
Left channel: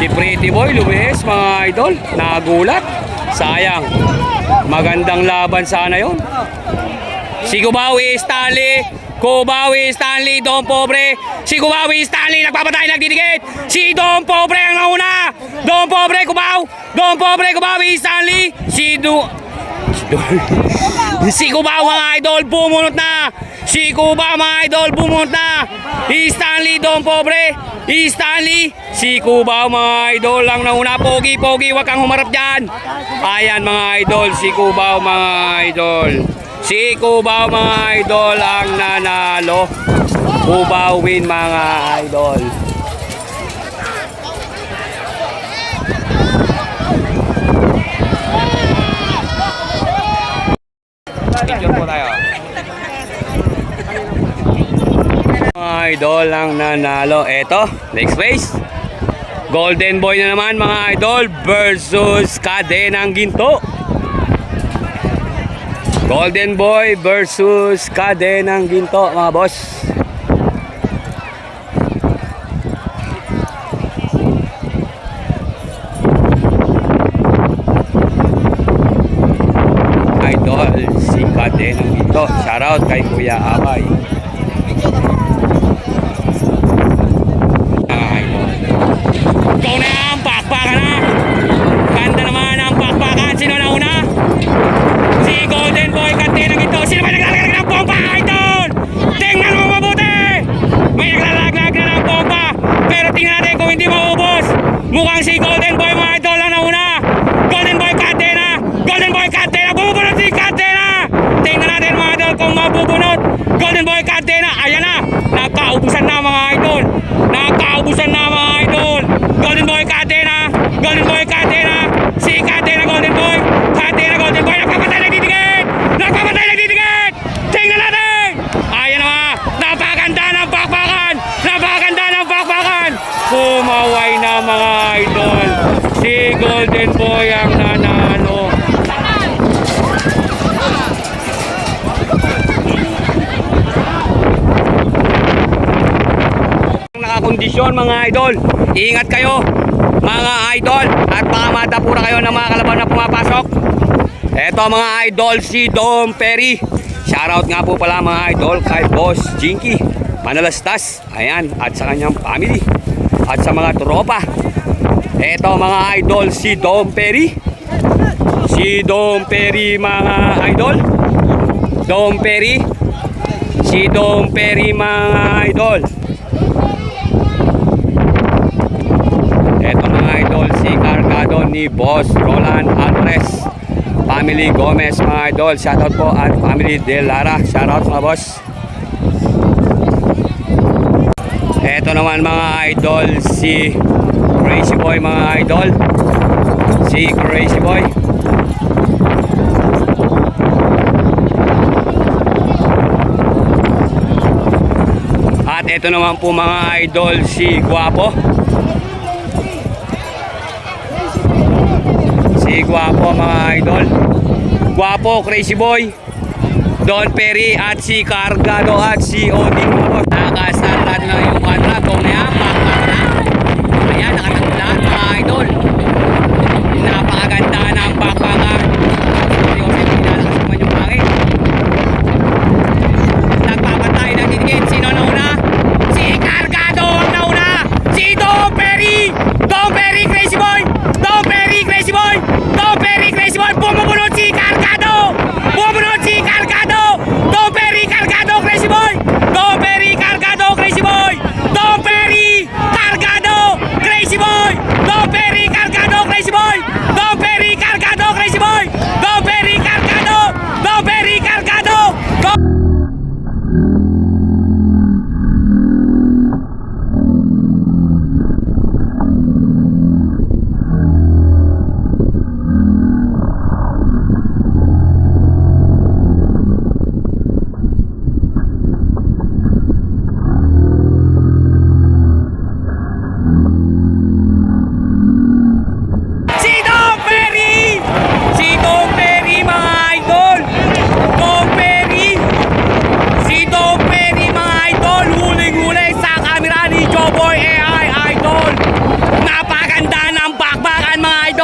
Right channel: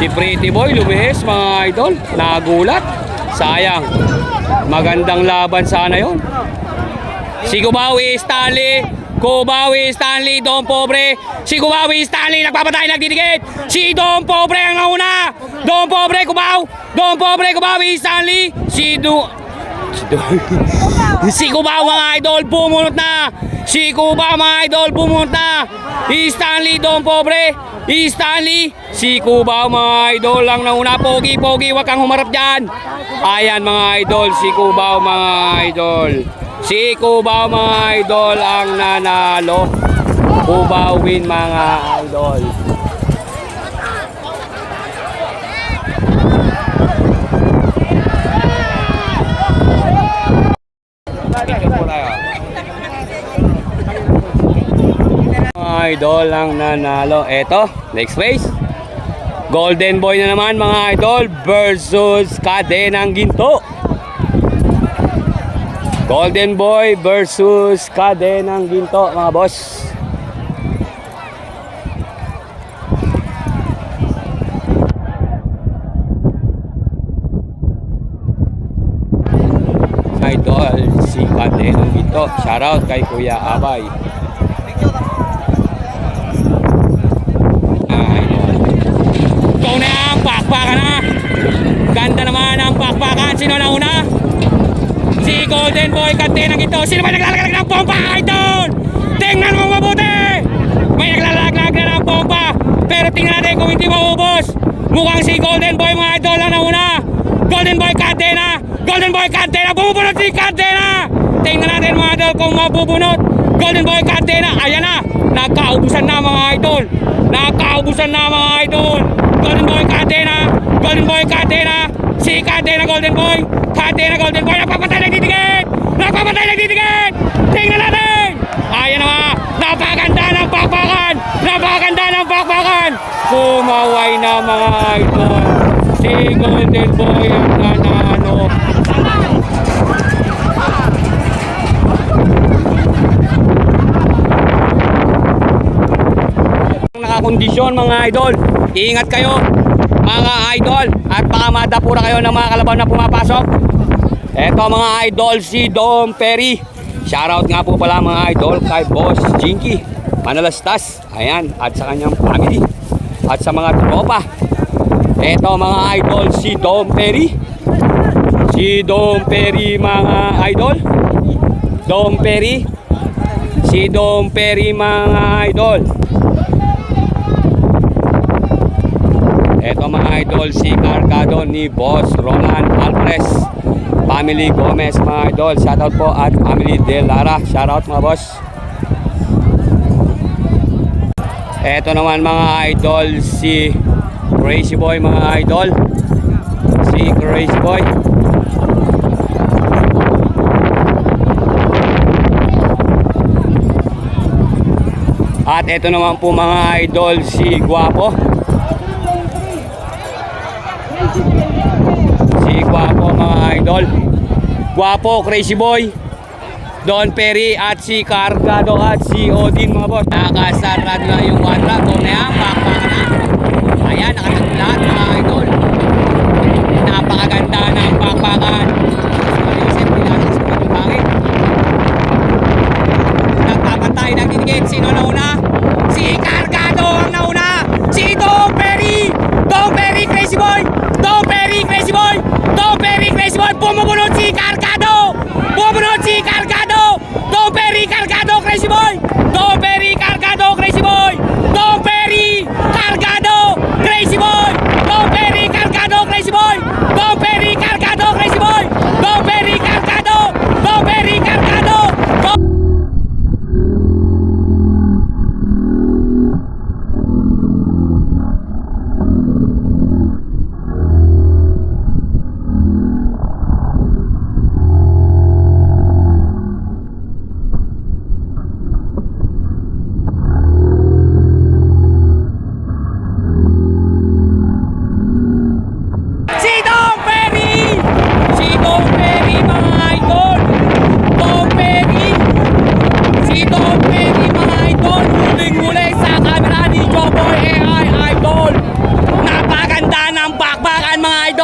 Si Pretty Boy lumihis mga idol. Nagulat. Sayang. Magandang laban sana yon. Si Kubawi Stanley. Kubawi Stanley. Don Pobre. Si Kubawi Stanley. Nagpapatay, nagdidikit. Si Don Pobre ang nauna. Don Pobre, Kubaw. Don Pobre, Kubawi Stanley. Si Kubaw mga idol. Bumunot na. Si Kubaw mga idol. Bumunot na. Stanley, Don Pobre. Stanley. Si Kubaw mga idol lang nauna. Pogi, pogi. Huwag kang humarap dyan. Ayan mga idol. Si Kubaw mga idol. Si Kubaw mga idol ang nanalo. Kubaw win mga idol. Picture po tayo. Mga idol ang nanalo. Eto, next race. Golden Boy na naman mga idol versus Kadenang Ginto. Golden Boy versus Kadenang Ginto mga boss. Idol si Kadenang Ginto. Shoutout kay Kuya Abay. Idol. Ikaw na yan, pakpakan na. Ganda naman ang pakpakan. Sino na una? Si Golden Boy Kadenang Ginto. Sino ba naglalaglag ng pompa, idol? Tingnan mo mabuti. May naglalaglag na ng pompa. Pero tingnan natin kung hindi maubos. Mukhang si Golden Boy mga idol lang na una. Golden Boy Kadena. Golden Boy Kadena. Bumubunot si Kadena. Tingnan natin mga idol kung mabubunot. Golden Boy Kadena. Ayan na. Nakaubusan na mga idol. Nakaubusan na mga idol. Golden Boy Kadena. Golden Boy Kadena. Si Kadena Golden Boy. Kadena Golden Boy. Nagpapatay, nagdidikit. Nagpapatay, nagdidikit. Tingnan natin. Ayan na. Napakaganda ng bakbakan. Napakaganda ng bakbakan. Kumaway na mga idol. Si Golden Boy ang nanalo. kondisyon mga idol. Ingat kayo mga idol at baka madapura kayo ng mga kalabaw na pumapasok. Eto mga idol, si Dom Perry. Shoutout nga po pala mga idol kay Boss Jinky Manalastas, ayan, at sa kanyang family at sa mga tropa. Eto mga idol, si Dom Perry. Si Dom Perry mga idol. Dom Perry. Si Dom Perry mga idol. Eto mga idol, si Cargado ni Boss Roland Alvarez. Family Gomez mga idol. Shoutout po at family De Lara. Shoutout mga boss. Eto naman mga idol, si Crazy Boy mga idol. Si Crazy Boy. At eto naman po mga idol, si Guapo. Si Guapo mga idol. Guapo, Crazy Boy, Don Perry at si Cargado at si Odin mga boss. Nakasarad na yung quadra. Kung na yan, pakpak na. Ayan, nakatagod lahat mga idol. Napakaganda ng pakpakan. Joseph, pinalakas naman yung pangit. Nagpapatay, nagtitigit. Sino nauna? Si Cargado ang nauna. Si Don Perry. Don Perry, Crazy Boy. Don Perry, Crazy Boy. Don Perry, Crazy Boy. Bumunod si Cargado. Bumunod si Cargado. Don Perry, Cargado, Crazy Boy. Don Perry, Cargado, Crazy Boy. Don Perry, Cargado, Crazy Boy. Don Perry, Cargado, Crazy Boy. Don Perry, Cargado, Crazy Boy. Don Perry, Cargado. Don Perry, Cargado.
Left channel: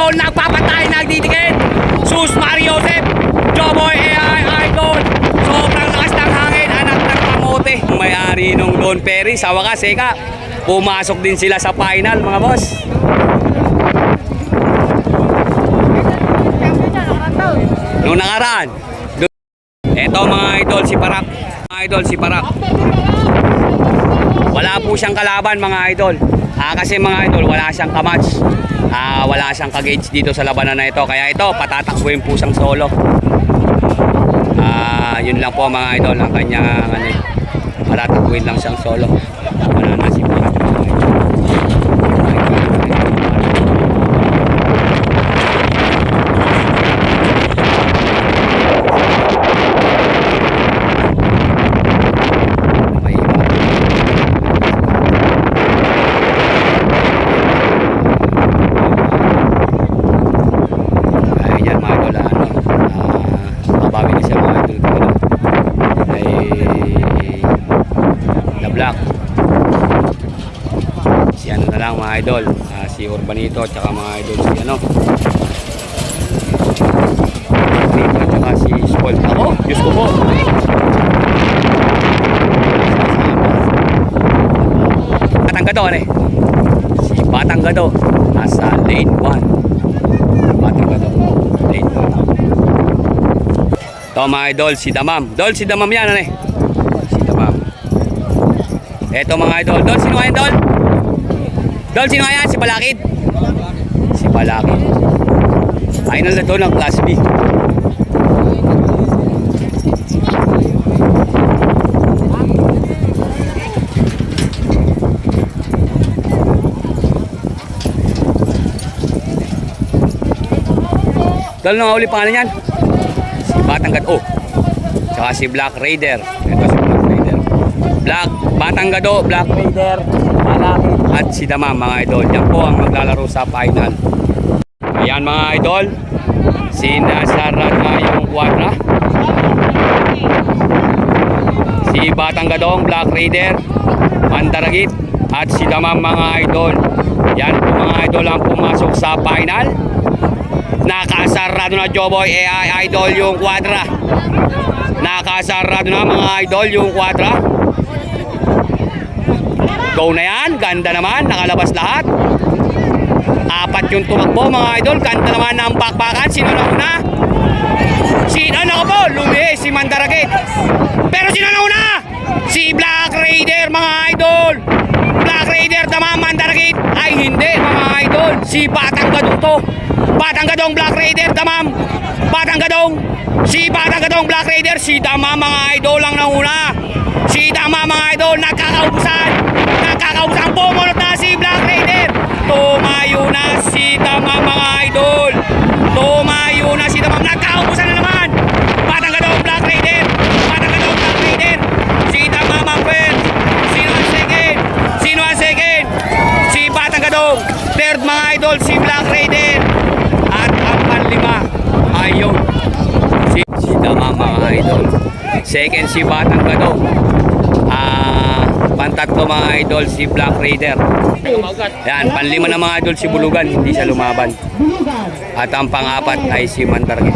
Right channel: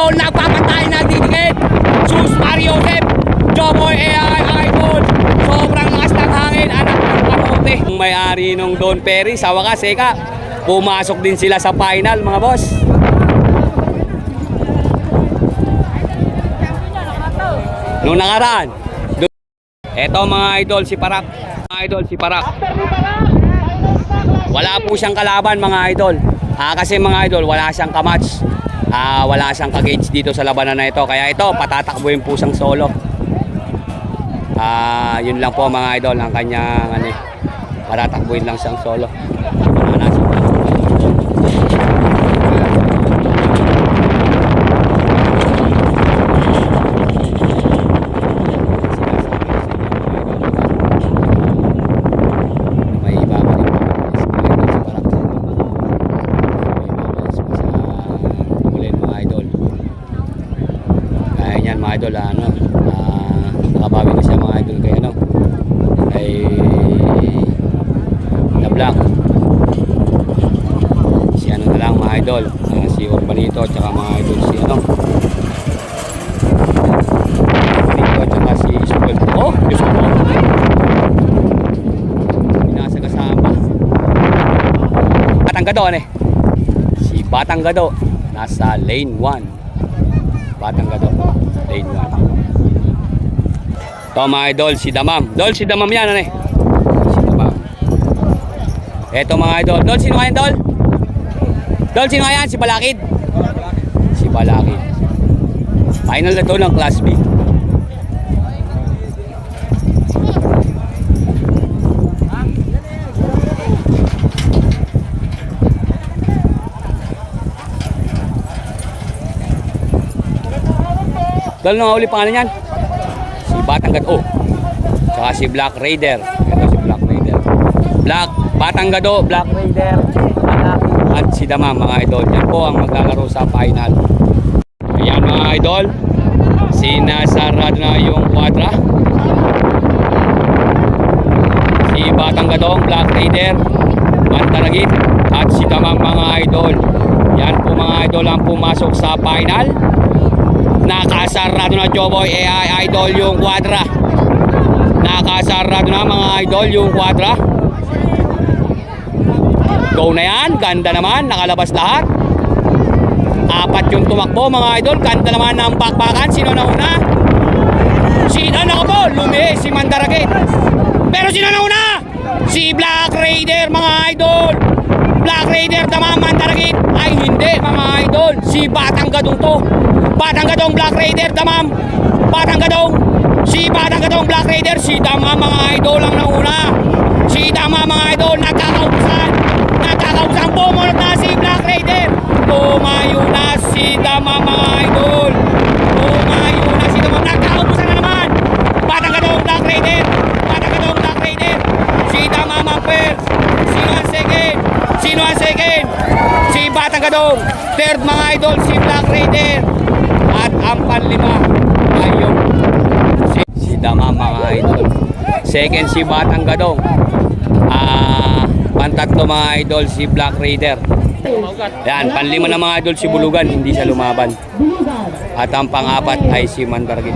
Nagpapatay, nagdidikit. Sus Mario Joseph, Joboy AI Idol. Sobrang lakas ng hangin, anak ng kamote. May-ari nung Don Perry, sa wakas, pumasok din sila sa final mga boss. Nung nakaraan. Eto mga idol, si Parak. Mga idol, si Parak. Wala po siyang kalaban mga idol. Kasi mga idol, wala siyang kamatch. Wala siyang kagage dito sa labanan na ito. Kaya ito, patatakbuhin po siyang solo. Yun lang po mga idol ang kanyang patatakbuhin lang siyang solo. Black. Si ano na lang mga idol, si Urbanito at saka mga idol si ano. Urbanito at saka si Skull. Oh, Diyos ko po. Batang Gado si Batang Gado nasa lane 1. Batang Gado lane 1. Ito mga idol, si Damam. Si Damam yan si Damam. Eto mga idol. Sino nga yan, sino nga yan? Si Balakid. Si Balakid. Final na to ng Class B. Nung huli pangalan yan? Si Batang Gado. Tsaka si Black Raider. Eto si Black Raider. Batang Gado, Black Raider, at si Damam mga idol. Yan po ang maglalaro sa final. Ayan mga idol, sinasarad nga yung quadra. Si Batang Gadong, Black Raider, Mandaragit, at si Damang mga idol. Yan po mga idol ang pumasok sa final. Nakasarado na Joboy AI idol yung kwadra. Nakasarado na mga idol yung kwadra. Go na yan, ganda naman, nakalabas lahat. Apat yung tumakbo mga idol, ganda naman ng bakbakan. Sino na una? Ano ko po, lumihi si Mandaragit. Pero sino na una? Si Black Raider mga idol. Black Raider tama, Mandaragit ay hindi mga idol. Si Batang Gadong to. Batang Gadong Black Raider tamam. Batang Gadong. Si Batang Gadong Black Raider. Si Dama mga idol lang nauna. Si Dama mga idol nagkakaubusan. Nagkakaubusan, pumunot na si Black Raider. Tumayo na si Dama mga idol. Tumayo na si Dama. Nagkakaubusan na naman. Batang Gadong Black Raider. Batang Gadong Black Raider. Si Dama Mamper. Sino ang second? Sino ang second? Si Batang Gadong. Third mga idol si Black Raider. At ang panlima ayun si Dama mga idol. Second si Batang Gadong. Pantatlo mga idol si Black Raider. Yan, panlima na mga idol si Bulugan, hindi siya lumaban. At ang pang-apat ay si Mandaragit.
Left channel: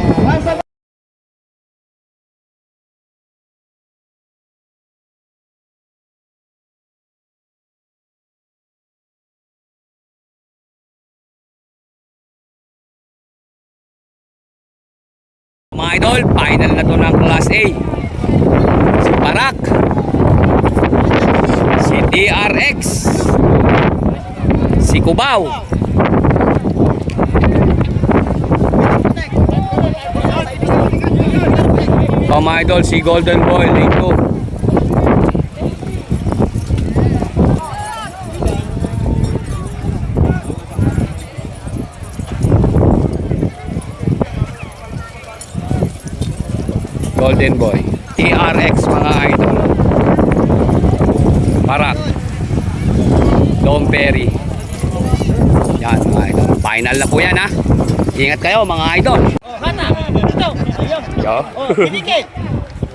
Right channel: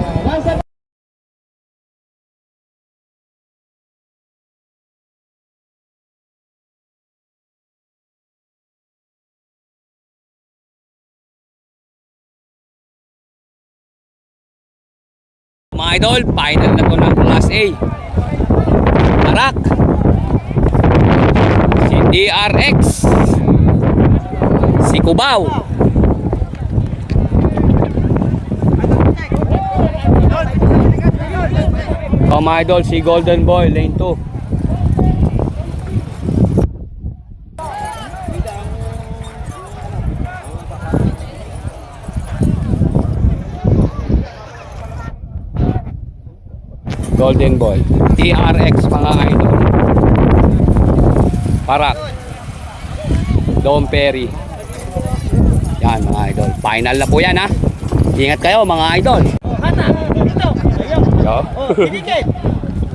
Mga idol, final na to ng Class A. Si Barak, si DRX, si Cubao, mga idol, si Golden Boy, lane 2. Golden Boy, TRX mga idol. Barak, Dom Perry. Yan mga idol. Final na po yan ha. Ingat kayo mga idol. Oh, hata. Ito. Ayaw. Yo. Oh, pinigit.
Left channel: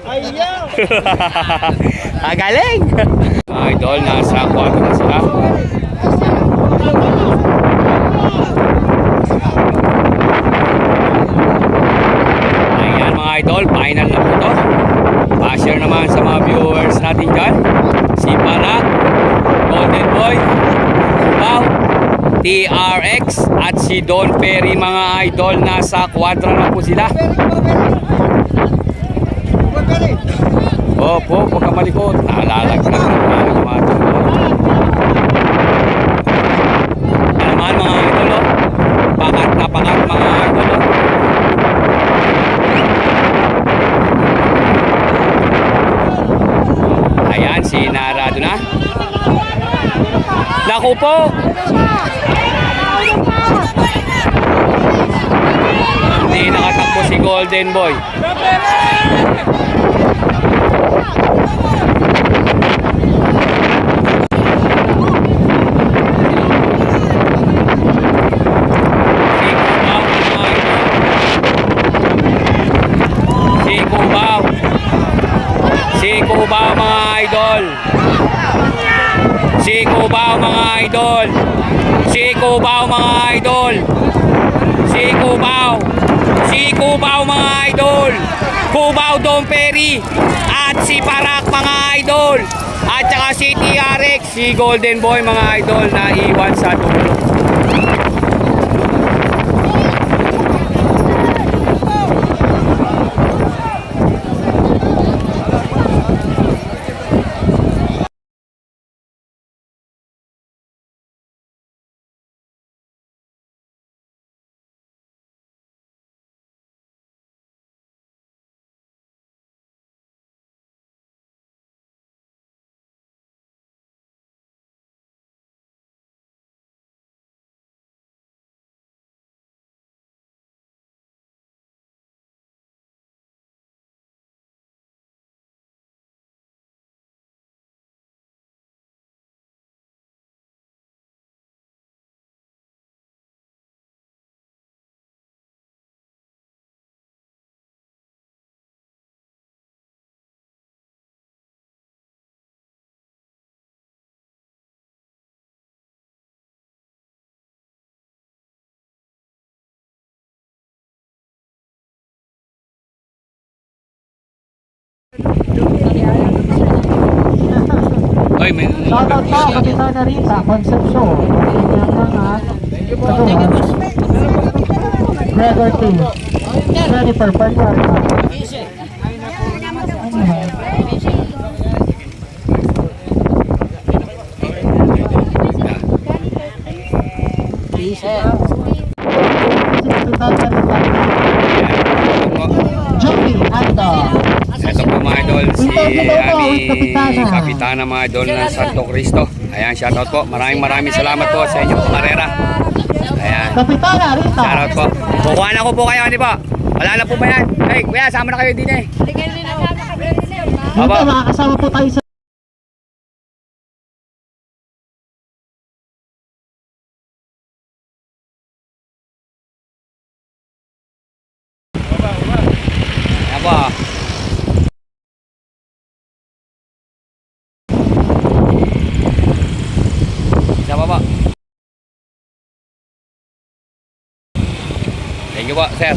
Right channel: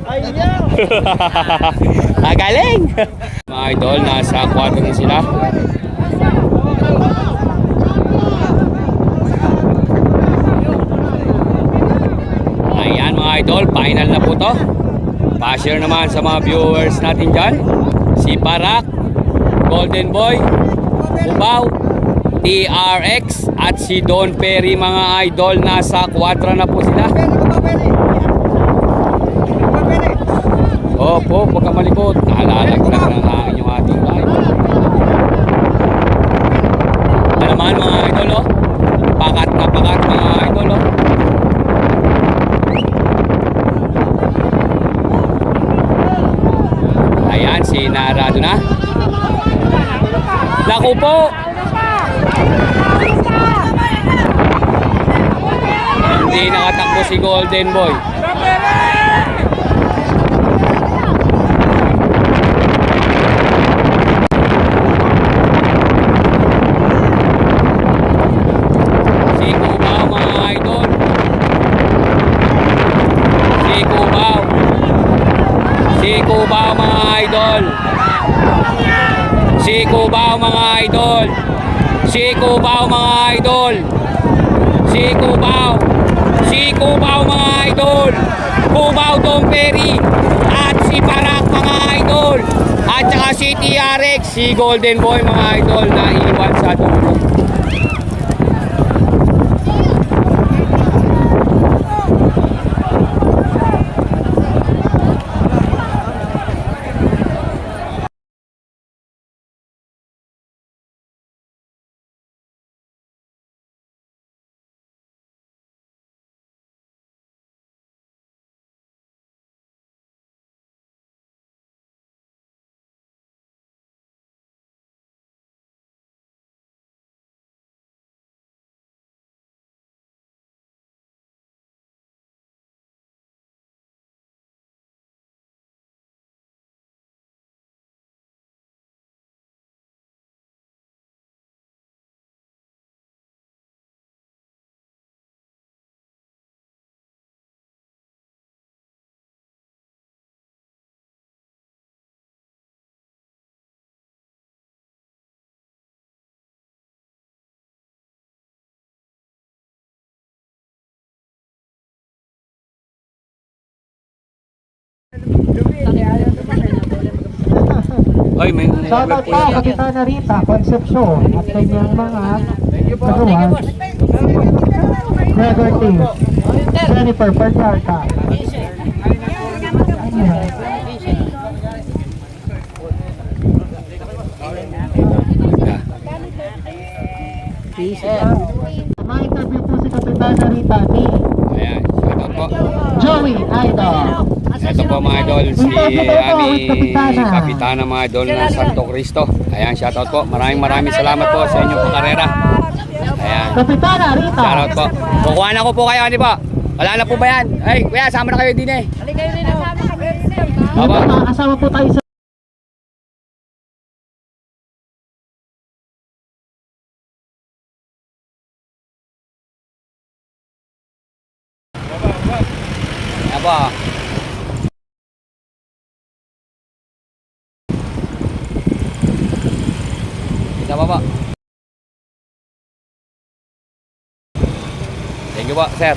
Ayaw. Galing. Mga idol, nasa 4 na sila. Ayan mga idol, final na po to. Pa-share naman sa mga viewers natin dyan. Si Barak, Golden Boy, Cubao, TRX at si Don Perry mga idol. Nasa kwadra na po sila. Opo, huwag kang malikot. Nalalaglag yung mga tangay. Yan naman mga idol oh. Pakat na pakat mga idol oh. Ayan, sinarado na. Naku po. Hindi nakatakbo si Golden Boy. Si Cubao mga idol. Si Cubao mga idol. Si Cubao mga idol. Si Cubao. Si Cubao mga idol. Cubao Dom Perry. At si Barak mga idol. At saka si TRX. Si Golden Boy mga idol na iwan sa dulo. Oy, may Shoutout po, Kapitana Rita Concepcion. At kanyang mga katuwan. Gregor T. Jennifer Palyarta. Kapitana Rita. Ito po. Joey Idol. Ito po mga idol, si Kapitana mga idol ng Santo Cristo. Ayan, shoutout po. Maraming salamat po sa inyong karera. Ayan. Kapitana Rita. Shoutout po. Kukuha na ko po kayo, hindi po? Wala na po ba yan? Ay, kuya, sama na kayo din eh. Dito Baba. makakasama po tayo sa Ayan po. Isa pa po. Thank you po, sir.